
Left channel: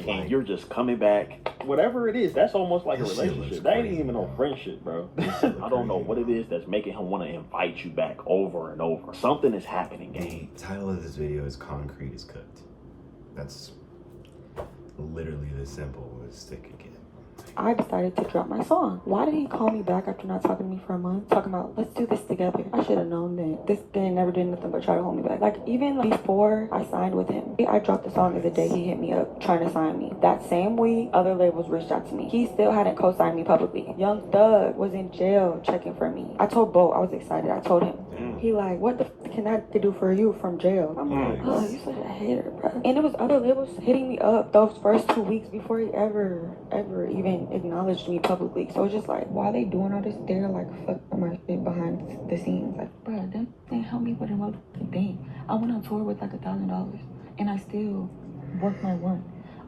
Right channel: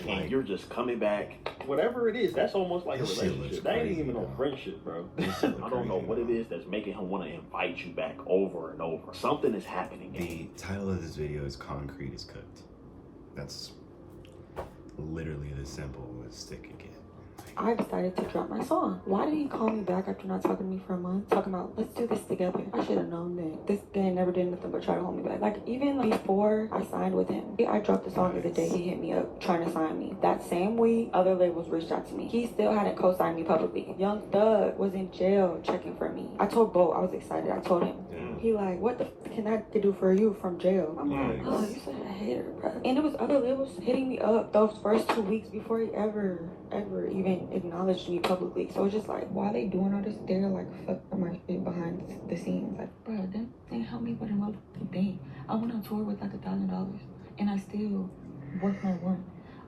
Like, and you're just coming back. Whatever it is, that's almost like a this shit relationship. looks That ain't crazy, even no though. friendship, bro. This shit look I don't know crazy, what it though. is that's making him want to invite you back over and over. Something is happening. The title of this video is Concrete is Cooked. That's literally the simple as stick again. I decided to drop my song. Why did he call me back after not talking to me for a month? Talking about, let's do this together. I should have known that this guy never did nothing but try to hold me back. Like, even before I signed with him, I dropped the song the day he hit me up trying to sign me. That same week, other labels reached out to me. He still hadn't co-signed me publicly. Young Thug was in jail checking for me. I told Bo, I was excited. I told him. He like, what the f can that do for you from jail? I'm like, oh, you such a hater, bro. And it was other labels hitting me up those first 2 weeks before he ever even acknowledged me publicly. So it's just like, why they doing all this? They're like, fuck my shit behind the scenes. Like, bro, that thing helped me with another thing. I went on tour with like $1,000 and I still worked my work.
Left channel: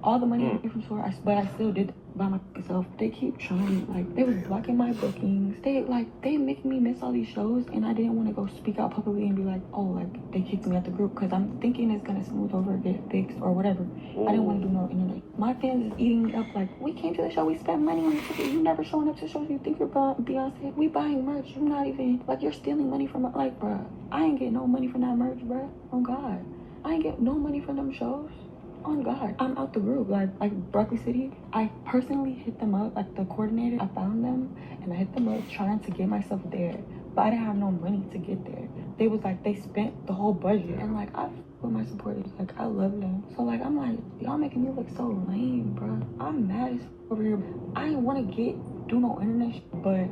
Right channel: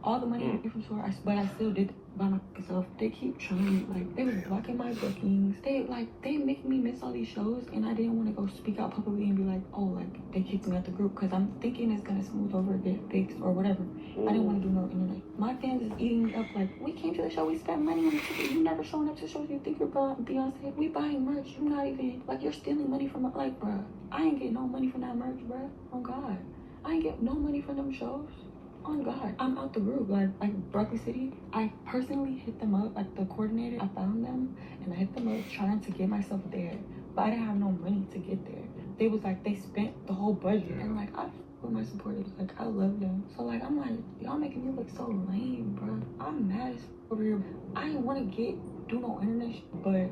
All the money I made from tour, but I still did by myself. They keep trying, like, they were blocking my bookings. They make me miss all these shows, and I didn't want to go speak out publicly and be like, oh, like, they kicked me out the group, because I'm thinking it's gonna smooth over, get fixed, or whatever. I didn't want to do no internet. My fans is eating me up, like, we came to the show, we spent money on the ticket, you never showing up to shows, you think you're Beyonce, we buying merch, you're not even, like, you're stealing money from, like, bruh, I ain't getting no money from that merch, bruh, oh God. I ain't get no money from them shows. Oh God, I'm out the group. Like Broccoli City, I personally hit them up, like the coordinator. I found them and I hit them up trying to get myself there, but I didn't have no money to get there. They was like, they spent the whole budget, and like I with my supporters, like I love them. So like I'm like, y'all making me look so lame, bro. I'm mad as over here. I didn't want to do no internet shit, but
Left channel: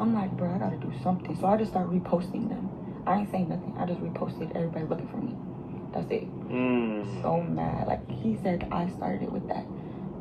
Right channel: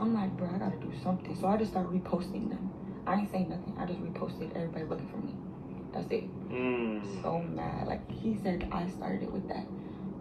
I'm like, bro, I gotta do something. So I just started reposting them. I ain't saying nothing. I just reposted everybody looking for me. That's it. So mad. Like, he said I started it with that.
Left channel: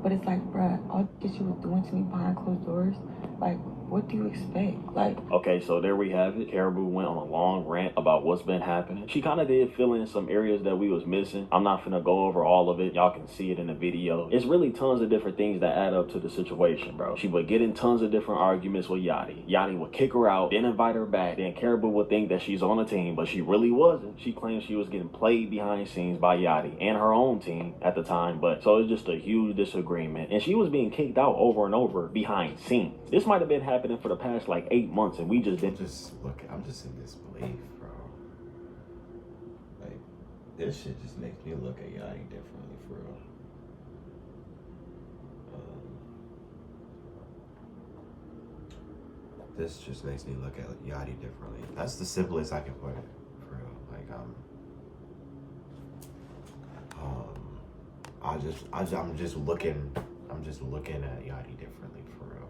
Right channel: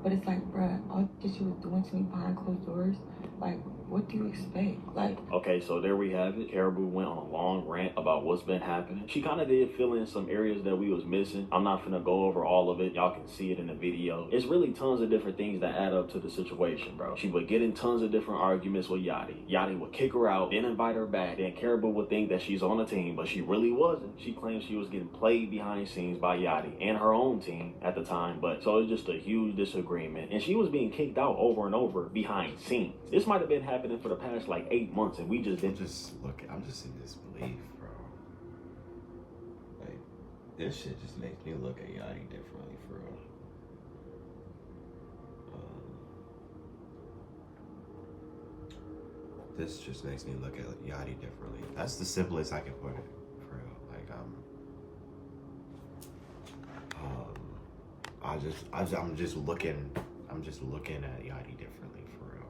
But it's like, bruh, all this you were doing to me behind closed doors, like, what do you expect? Like, okay, so there we have it. Karrahboo went on a long rant about what's been happening. She kind of did fill in some areas that we was missing. I'm not finna go over all of it. Y'all can see it in the video. It's really tons of different things that add up to the situation, bro. She would get in tons of different arguments with Yachty. Yachty would kick her out, then invite her back. Then Karrahboo would think that she's on the team, but she really wasn't. She claimed she was getting played behind the scenes by Yachty and her own team at the time. But so it was just a huge disagreement. And she was being kicked out over and over behind scenes. This might have been happening for the past like 8 months, and we just didn't. I'm just in disbelief, bro. Like, this shit just makes me look at Yachty differently, for real. This just makes me look at Yachty differently. That's the simplest I can put it, for real. Like, I'm just looking at Yachty differently, for real.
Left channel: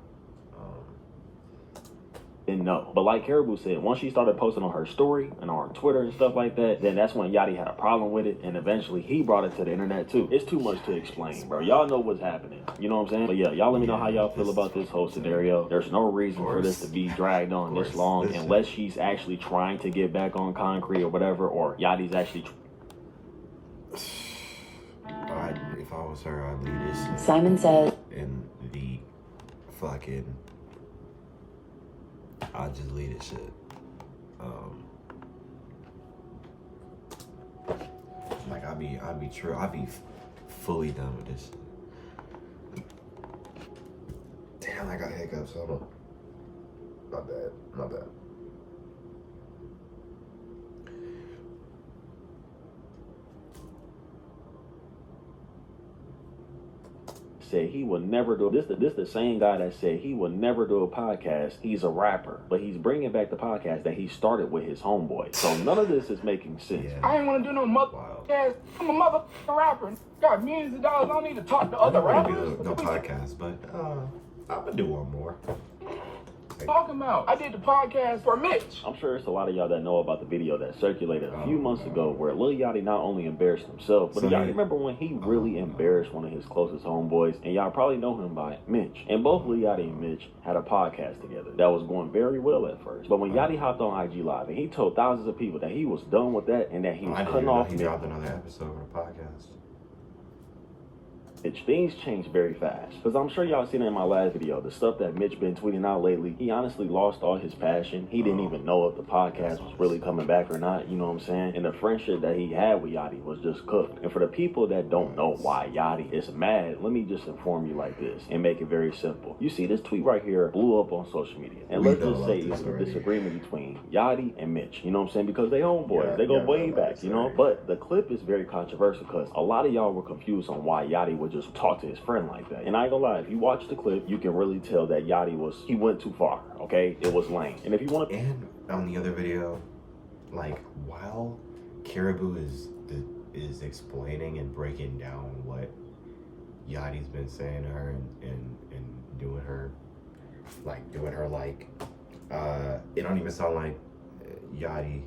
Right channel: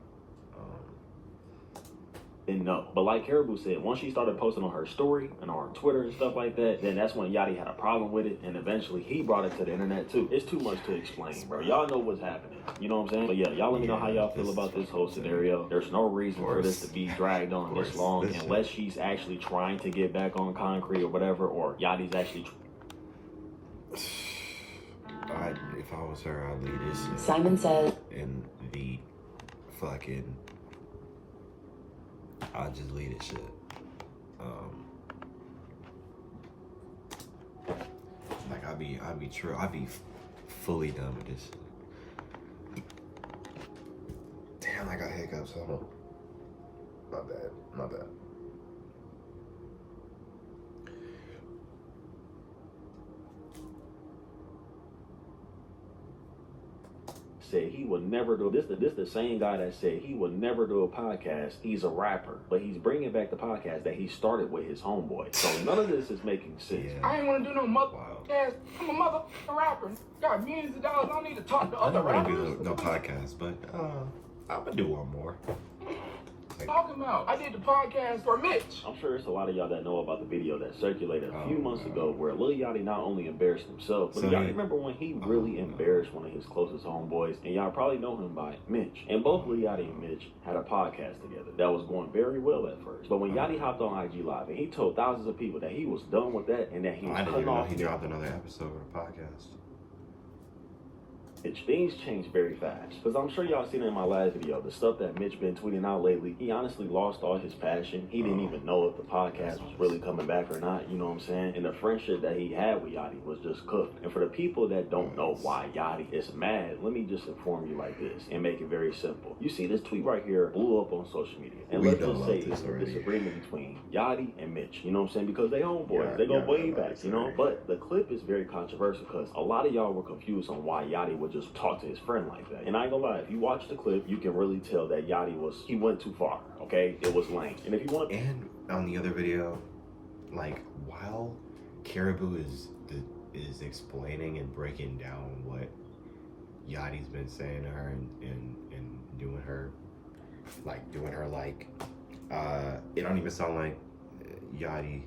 And no, but like Karrahboo said, once she started posting on her story and on Twitter and stuff like that, then that's when Yachty had a problem with it, and eventually he brought it to the internet too. It's too much to explain, bro. Y'all know what's happening. You know what I'm saying? But yeah, y'all let me know how y'all feel about this whole scenario. There's no reason for this to be dragged on this long unless she's actually trying to get back on concrete or whatever, or Yachty's actually. If I was her, I'd leave this shit Simon said in the fucking. I'd just leave this shit. Like I'd be fully done with this shit. Damn, I got hiccups. Hold on. My bad. said he would never do this. The same guy that said he would never do a podcast. He's a rapper, but he's bringing back the podcast that he started with his homeboy. So none of this is making sense. Yeah. I ain't want to do no podcast. I'm a motherfucking rapper. Got millions of dollars. I don't need to talk to I other don't want to rappers. do no podcast, but I'm gonna do one more. Talking about, I did the podcast for Mitch. I'm sure it's a lot of y'all that know about the video that circulated a Oh, few months God. ago where Lil Yachty not only embarrassed himself, but So y'all he- remember when he really embarrassed one of his closest homeboys, and y'all probably know him by Mitch. And both Lil Yachty and Mitch had a podcast together that was going very well at first. But when Yachty hopped on IG Live and he told thousands of people that he was done with that and that he was I didn't cutting even know off he Mitch, dropped another episode of the podcast. things change very fast. Because I'm sure y'all seen it in my last video, the stuff that Mitch been tweeting out lately, he honestly lost all his passion. He didn't even know if the podcast was really coming back or not, you know what I'm saying? And the friendship that he had with Yachty was just cooked. And for the people that don't know why Yachty is mad, let me just inform you like this and make it very simple. You see this tweet right here blew up on social media. And We let's know just about say this it's a already. disagreement between Yachty and Mitch, you know what I'm saying? Because they homeboys, Yeah, they go yeah, way about back, this you know? already. But the clip is very controversial because a lot of y'all were confused on why Yachty would just talk to his friend like that. And I ain't gonna lie, if you watch the clip, you can really tell that Yachty he went too far, okay? It was lame. And if you want And on the other video, like while Karrahboo is explaining and breaking down what Yachty's been saying to her and doing her it don't even sound like Yachty.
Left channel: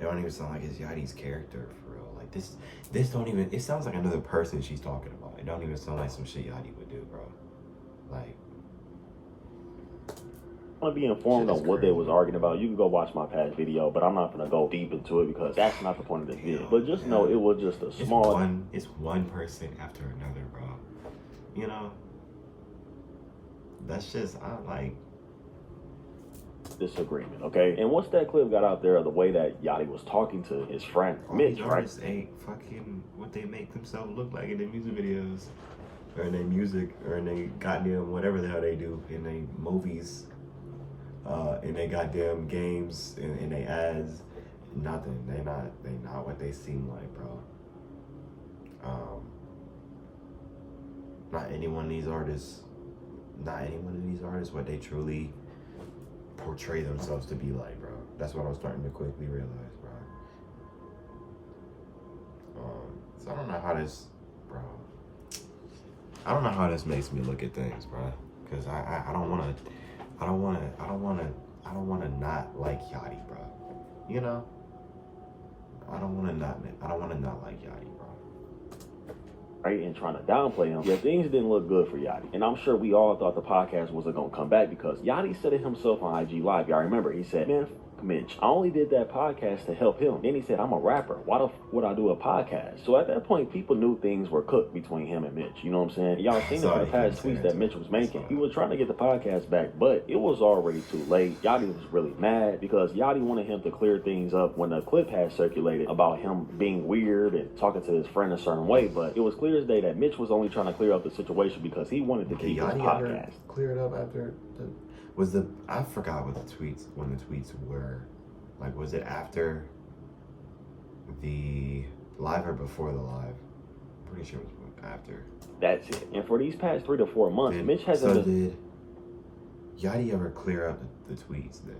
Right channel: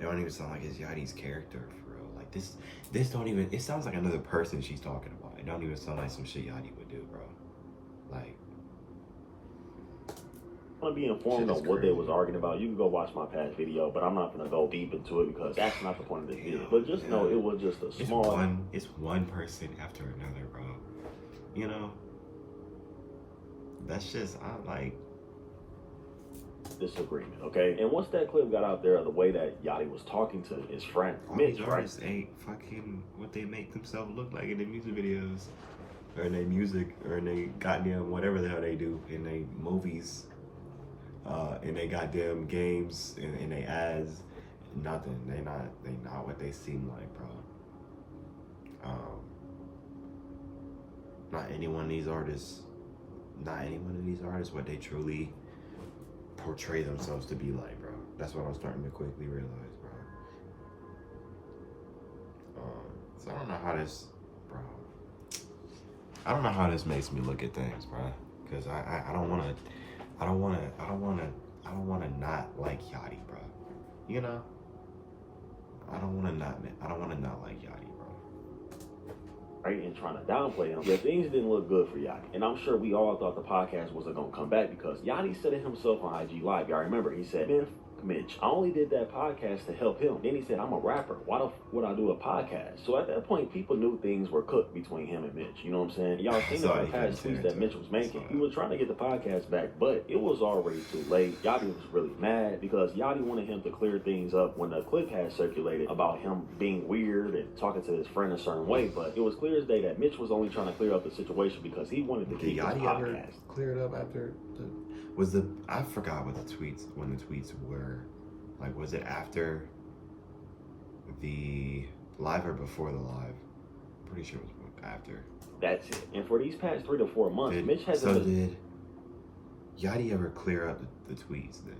It don't even sound like it's Yachty's character for real. Like this don't even. It sounds like another person she's talking about. It don't even sound like some shit Yachty would do, bro. Like. to be informed Shit on is what they crazy. was arguing about, you can go watch my past video, but I'm not gonna go deep into it because that's not the point of this video. But just know it was just a It's small one person after another, bro. You know? That's just I like disagreement, okay? And once that clip got out there of the way that Yachty was talking to his friend all Mitch, these right? artists ain't fucking what they make themselves look like in their music videos. Or in their music or in their goddamn whatever the hell they do in their movies. In their goddamn games in their ads. Nothing. They not what they seem like, bro. Not any one of these artists what they truly portray themselves to be like, bro. That's what I'm starting to quickly realize, bro. So I don't know how this, bro. I don't know how this makes me look at things, bro. Because I don't wanna not like Yachty, bro. You know? I don't wanna not like Yachty, bro. Right, and trying to downplay him. Yeah, things didn't look good for Yachty. And I'm sure we all thought the podcast wasn't going to come back because Yachty said it himself on IG Live. Y'all remember, he said, man, Mitch, I only did that podcast to help him. Then he said, I'm a rapper. Why the would I do a podcast? So at that point, people knew things were cooked between him and Mitch. You know what I'm saying? Y'all seen Sorry, the past he tweets that Mitch was making. He was trying to get the podcast back, but it was already too late. Yachty was really mad because Yachty wanted him to clear things up when the clip had circulated about him being weird and talking to his friend a certain way. But it was clear as day that Mitch was only trying to clear up the situation because he wanted to Did keep his Yachty ever podcast. clear it up after I forgot what the tweets were. Like, was it after the live or before the live? Pretty sure it was after. That's it. And for these past 3 to 4 months, Mitch hasn't So been did Yachty ever clear up the tweets then?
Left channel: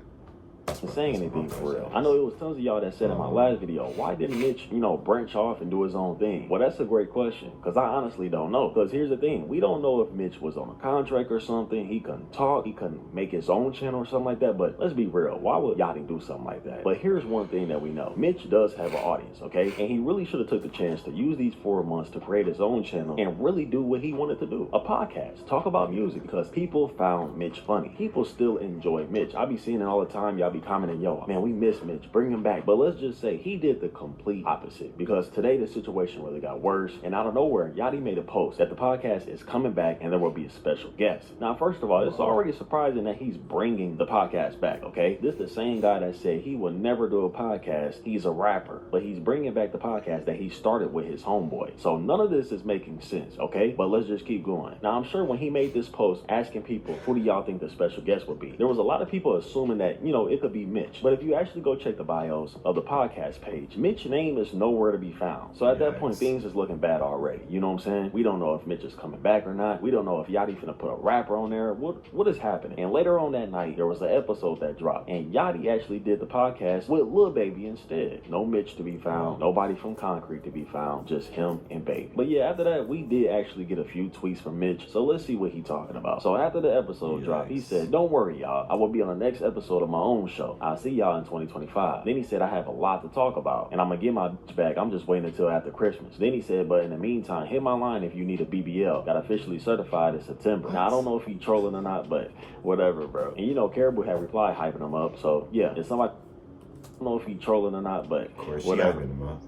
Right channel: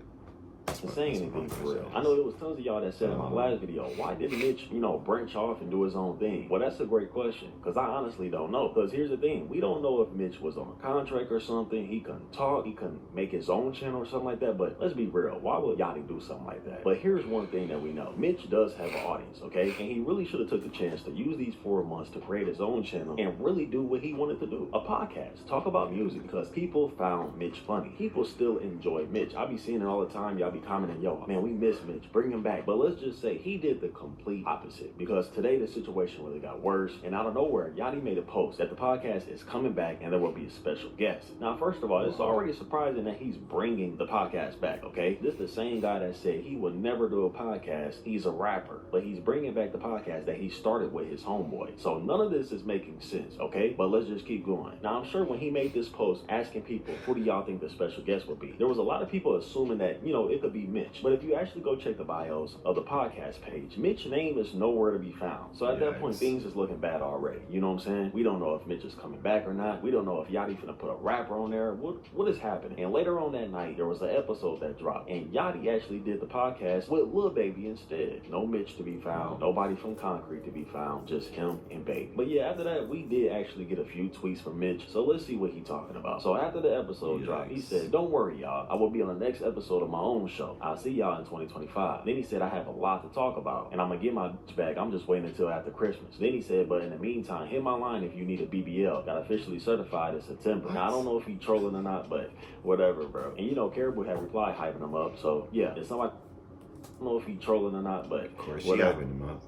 saying anything for real. I know it was tons of y'all that said in my last video, why didn't Mitch, branch off and do his own thing? Well, that's a great question, because I honestly don't know. Because here's the thing, we don't know if Mitch was on a contract or something, he couldn't talk, he couldn't make his own channel or something like that, but let's be real, why would Yachty do something like that? But here's one thing that we know, Mitch does have an audience, okay? And he really should have took the chance to use these 4 months to create his own channel and really do what he wanted to do, a podcast, talk about music, because people found Mitch funny. People still enjoy Mitch. I be seeing it all the time, y'all be commenting, yo, man, we miss Mitch, bring him back. But let's just say he did the complete opposite, because today the situation really got worse, and out of nowhere, Yachty made a post that the podcast is coming back and there will be a special guest. Now, first of all, it's already surprising that he's bringing the podcast back, okay? This is the same guy that said he would never do a podcast. He's a rapper, but he's bringing back the podcast that he started with his homeboy. So none of this is making sense, okay? But let's just keep going. Now, I'm sure when he made this post asking people, who do y'all think the special guest would be? There was a lot of people assuming that, you know, it could be Mitch. But if you actually go check the bios of the podcast page, Mitch's name is nowhere to be found. So at that point, things is looking bad already. You know what I'm saying? We don't know if Mitch is coming back or not. We don't know if Yachty finna put a rapper on there. What is happening? And later on that night, there was an episode that dropped, and Yachty actually did the podcast with Lil Baby instead. No Mitch to be found, nobody from Concrete to be found, just him and Baby. But yeah, after that, we did actually get a few tweets from Mitch, so let's see what he talking about. So after the episode dropped, he said, "Don't worry, y'all. I will be on the next episode of my own show. I'll see y'all in 2025. Then he said, I have a lot to talk about, and I'm gonna get my back. I'm just waiting until after Christmas. Then he said, but in the meantime, hit my line if you need a BBL. Got officially certified in September. Now, I don't know if he trolling or not, but whatever, bro. And you know, Karrahboo had replied hyping him up. So yeah, if somebody, I don't know if he trolling or not, but of course, she hyping him up.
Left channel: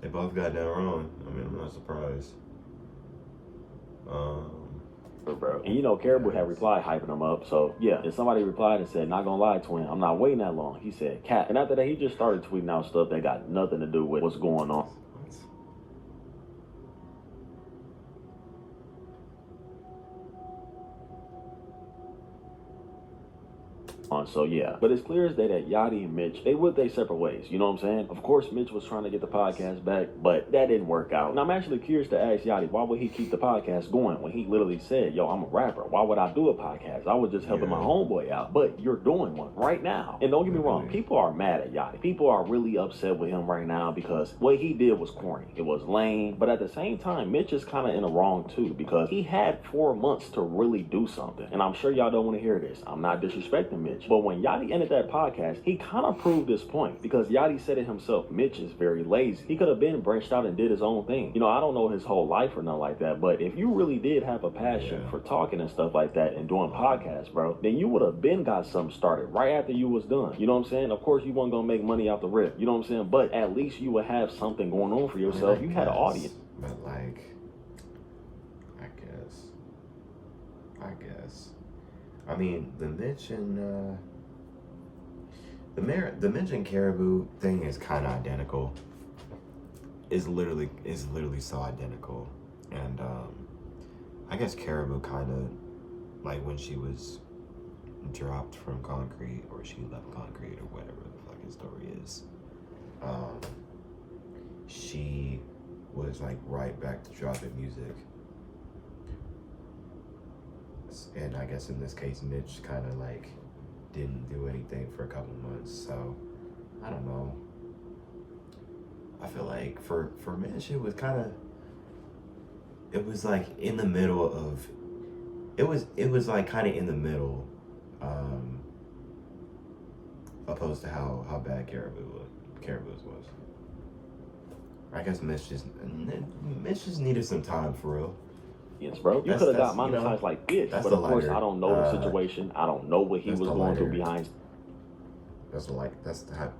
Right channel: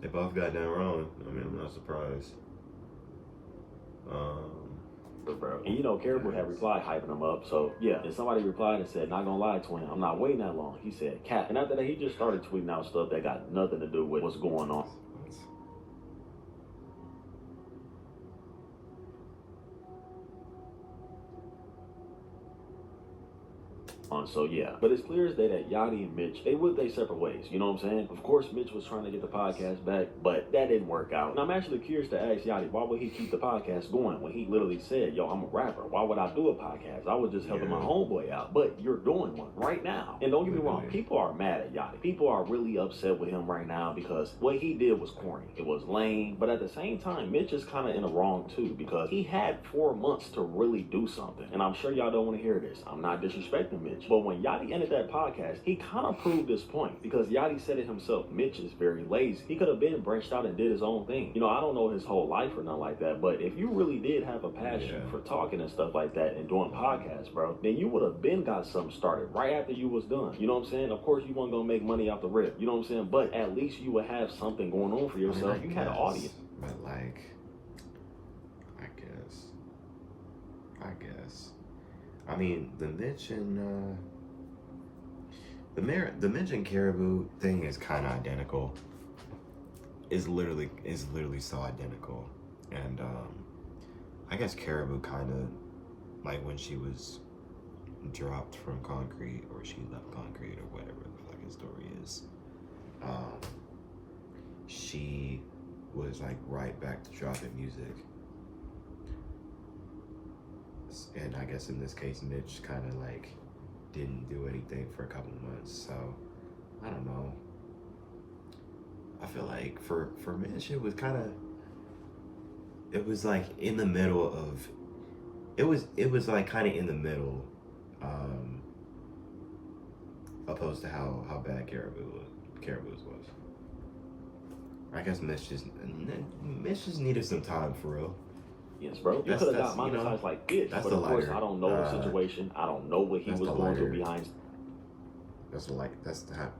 They both got that wrong. I mean, I'm not surprised. Bro. And you know, Karrahboo had replied hyping him up. So yeah, if somebody replied and said, not gonna lie, twin, I'm not waiting that long. He said, cat. And after that, he just started tweeting out stuff that got nothing to do with what's going on. So yeah, but it's clear as day that Yachty and Mitch, they went their separate ways. You know what I'm saying? Of course, Mitch was trying to get the podcast back, but that didn't work out. And I'm actually curious to ask Yachty, why would he keep the podcast going when he literally said, yo, I'm a rapper. Why would I do a podcast? I was just helping my homeboy out. But you're doing one right now. And don't get me wrong, people are mad at Yachty. People are really upset with him right now because what he did was corny. It was lame. But at the same time, Mitch is kind of in the wrong too, because he had 4 months to really do something. And I'm sure y'all don't want to hear this. I'm not disrespecting Mitch. But when Yachty ended that podcast, he kind of proved this point, because Yachty said it himself, Mitch is very lazy. He could have been branched out and did his own thing. You know, I don't know his whole life or nothing like that, but if you really did have a passion for talking and stuff like that and doing podcasts, bro, then you would have been got something started right after you was done. You know what I'm saying? Of course, you weren't going to make money out the rip. You know what I'm saying? But at least you would have something going on for yourself. You had an audience. But like, I guess. I mean, the Mitch and the Mitch and Karrahboo thing is kind of identical. It's literally so identical. And I guess Karrahboo kind of, like when she was dropped from Concrete, or she left Concrete, or whatever the fucking story is, she was like right back to dropping music. And I guess in this case, Mitch kind of like didn't do anything for a couple months. So I don't know. I feel like for Mitch, it was kind of, it was like in the middle of, it was like kind of in the middle, opposed to how bad Karrahboo's was. I guess Mitch just needed some time for real. Yes, bro. You could have got monetized like this, but of course, I don't know the situation. I don't know what he was going through behind.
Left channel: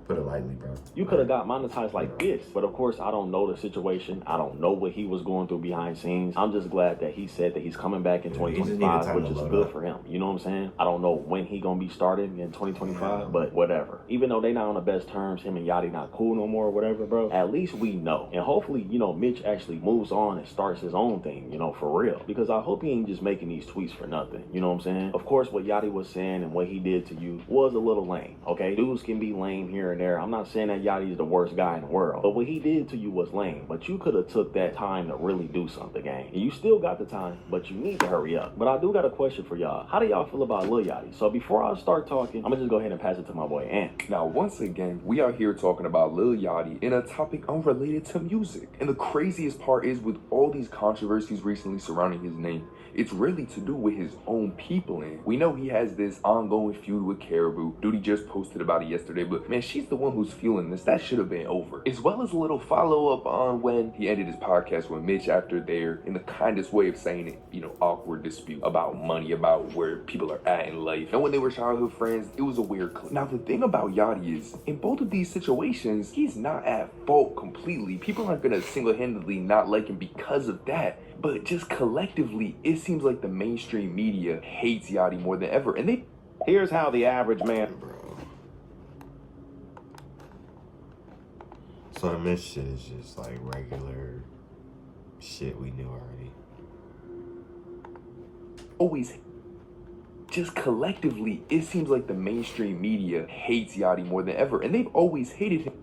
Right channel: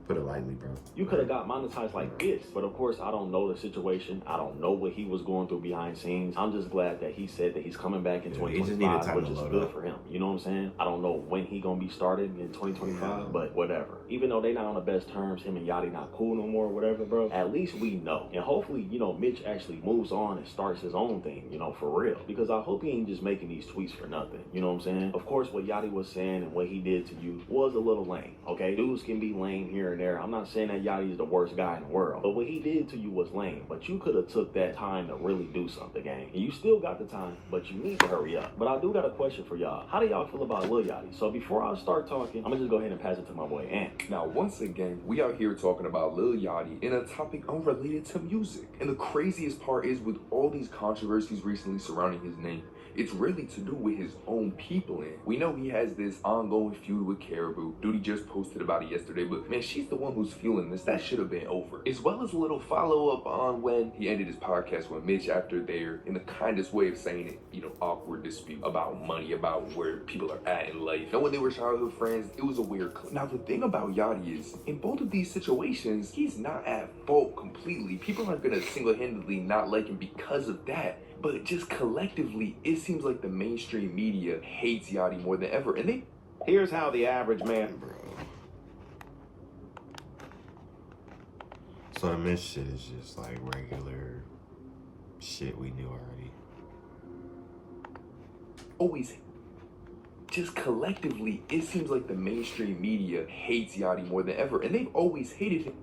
Put it lightly, bro. You could have got monetized like this, but of course, I don't know the situation. I don't know what he was going through behind scenes. I'm just glad that he said that he's coming back in 2025, which is good for him. You know what I'm saying? I don't know when he gonna be starting in 2025, but whatever. Even though they not on the best terms, him and Yachty not cool no more, or whatever, bro. At least we know, and hopefully, you know, Mitch actually moves on and starts his own thing, you know, for real. Because I hope he ain't just making these tweets for nothing. You know what I'm saying? Of course, what Yachty was saying and what he did to you was a little lame. Okay, dudes can be lame here and there. I'm not saying that Yachty is the worst guy in the world, but what he did to you was lame. But you could have took that time to really do something, gang. And you still got the time, but you need to hurry up. But I do got a question for y'all. How do y'all feel about Lil Yachty? So before I start talking, I'm gonna just go ahead and pass it to my boy Ant. Now, once again, we are here talking about Lil Yachty in a topic unrelated to music. And the craziest part is, with all these controversies recently surrounding his name, it's really to do with his own people. And we know he has this ongoing feud with Karrahboo. Duty just posted about it yesterday, but man, she's the one who's feeling this. That should have been over. As well as a little follow-up on when he ended his podcast with Mitch after their, in the kindest way of saying it, you know, awkward dispute about money, about where people are at in life. And when they were childhood friends, it was a weird clip. Now, the thing about Yachty is, in both of these situations, he's not at fault completely. People aren't gonna single-handedly not like him because of that. But just collectively, it seems like the mainstream media hates Yachty more than ever. And here's how the average man, Bro. So the Mitch shit is just like regular shit we knew already. Always, just collectively, it seems like the mainstream media hates Yachty more than ever, and they've always hated him,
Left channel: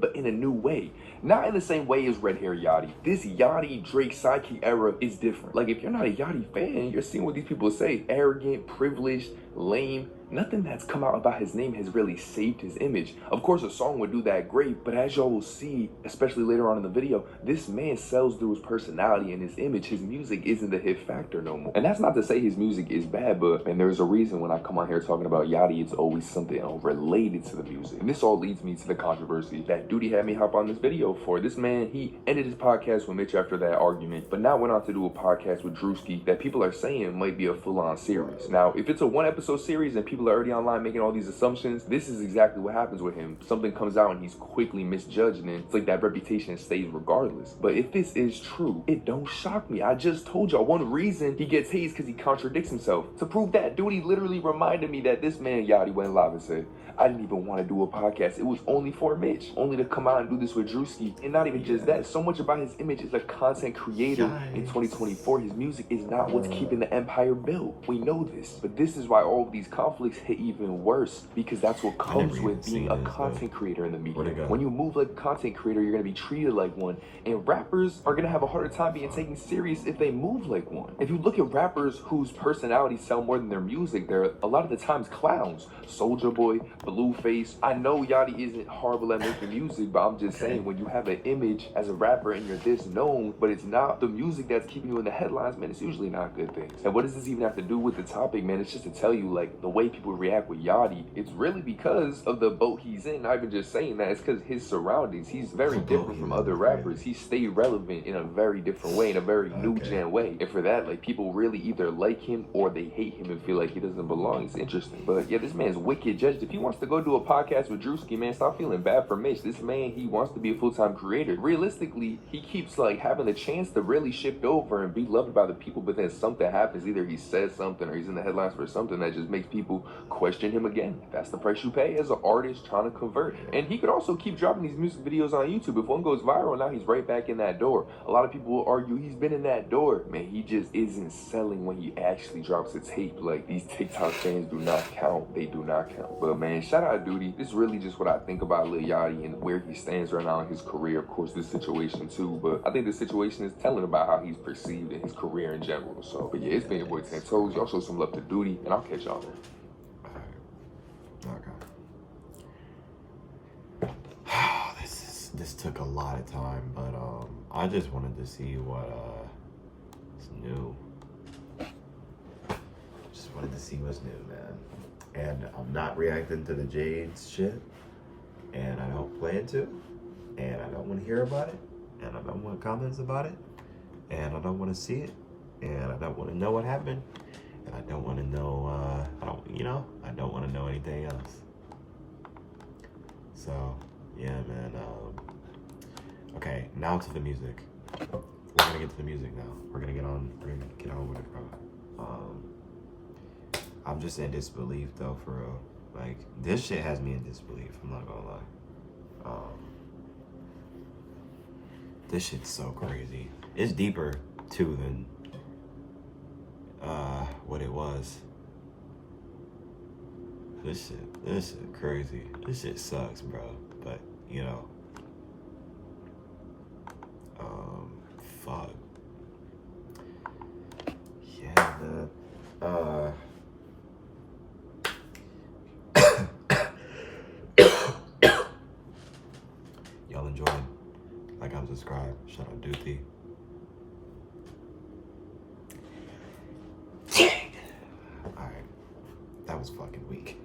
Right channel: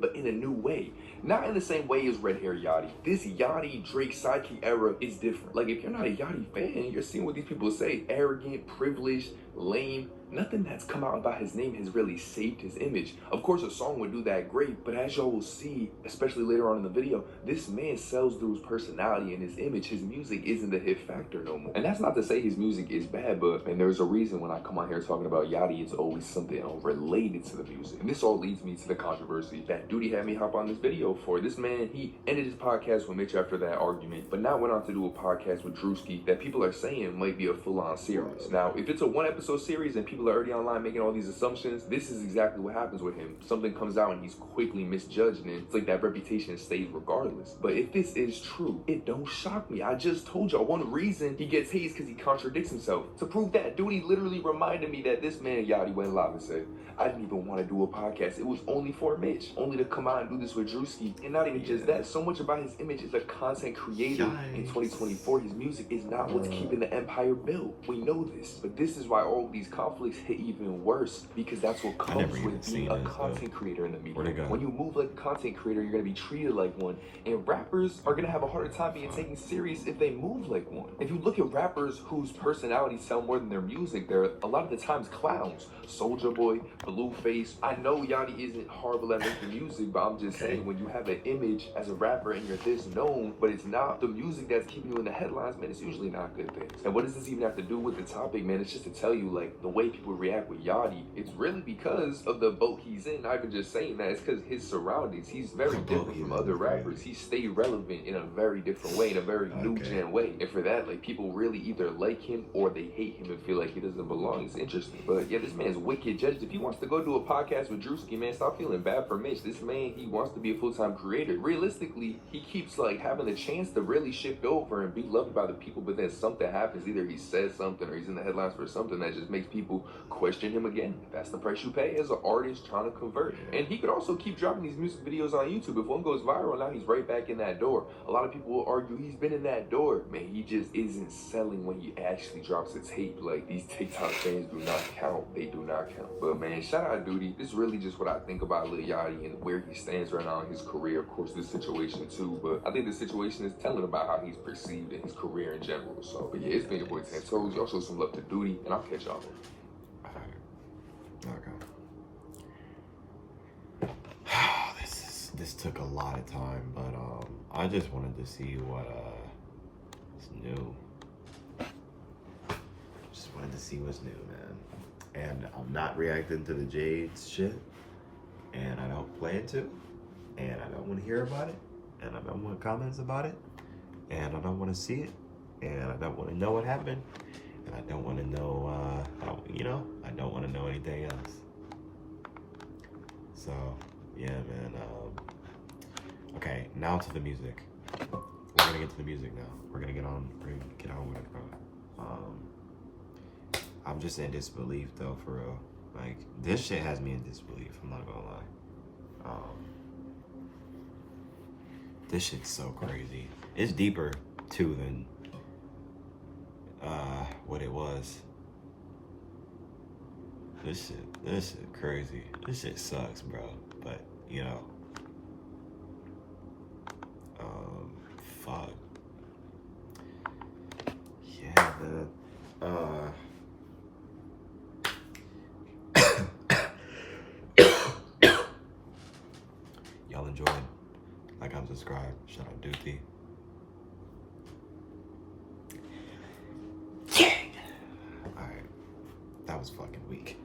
but in a new way. Not in the same way as Red Hair Yachty. This Yachty Drake sidekick era is different. Like, if you're not a Yachty fan, you're seeing what these people say: arrogant, privileged, lame. Nothing that's come out about his name has really saved his image. Of course, a song would do that great, but as y'all will see, especially later on in the video, this man sells through his personality and his image. His music isn't the hit factor no more. And that's not to say his music is bad, but and there's a reason when I come on here talking about Yachty, it's always something related to the music. And this all leads me to the controversy that Duty had me hop on this video for. This man, he ended his podcast with Mitch after that argument, but now went on to do a podcast with Drewski that people are saying might be a full-on series. Now, if it's a one-episode series and people are already online making all these assumptions, this is exactly what happens with him. Something comes out and he's quickly misjudged, and it's like that reputation stays regardless. But if this is true, it don't shock me. I just told y'all one reason he gets hazed because he contradicts himself. To prove that, Duty literally reminded me that this man Yachty went live and said, I didn't even want to do a podcast. It was only for Mitch, only to come out and do this with Drewski. And not even just that, so much about his image as a content creator. In 2024, his music is not what's keeping the empire built. We know this, but this is why all these conflicts hit even worse, because that's what comes with being a content creator in the media. When you move like a content creator, you're gonna be treated like one, and rappers are gonna have a harder time being taken serious if they move like one. If you look at rappers whose personalities sell more than their music, they're a lot of the times clowns. Soulja Boy, Blueface. I know Yachty isn't horrible at making music, but I'm just saying, when you have an image as a rapper and you're this known, but it's not the music that's keeping you in the headlines, man, it's usually not good things. And what does this even have to do with the topic, man? It's just to tell you, like, the way people react with Yachty, it's really because of the boat he's in. Not even just saying that, it's because his surroundings. He's very different from other rappers. He stayed relevant in a very different way, in a very new gen way. And for that, like, people really either like him or they hate him and feel like he doesn't belong. It's interesting. But yeah, this man's wicked judged. If he wants to go do a podcast with Drewski, man, stop feeling bad for Mitch. This man, he wants to be a full-time creator. Realistically, he keeps like having the chance to really shift over and be loved by the people, but then something happens. Either he says something or he's in the headlines for something that just makes people question him again. That's the price you pay as an artist trying to convert. And he could also keep dropping these music videos on YouTube. If one goes viral, now he's right back in that door. A lot of people will argue he's been in that door. Man, he just isn't selling when he actually drops a tape. Like, these TikTok fans do not count. They do not count. But man, shout out Duty. This is really just what I think about Lil Yachty and where he stands right now in his career. Of course, this situation too, but I think the situation is telling about how he's perceived in his career in general. So, but yeah, it's been your boy 10 Toes. Y'all show some love to Duty, and I'll catch y'all. This took a lot of time, but I just wanted to see what is new. Just wanted to see what's new, man. And I'm not reacting to the Jade's shit, and I don't plan to, and I don't want to hear about it, and I don't want comments about it, and I don't want to see it, and I don't want to know what happened, and I don't want to know, I don't want to know anything else. So, yeah, man. Okay, now to the music. We're gonna get to the music now. We're gonna get on with it, bro. I'm just in disbelief though, for real. Like, this shit has me in disbelief, I'm not gonna lie. This shit's so crazy. It's deeper too than what it was. This shit crazy. This shit sucks, bro. But you know, fuck. Yeah, y'all enjoyed. Like and subscribe. Shout out Duty. Alright. That was fucking weak.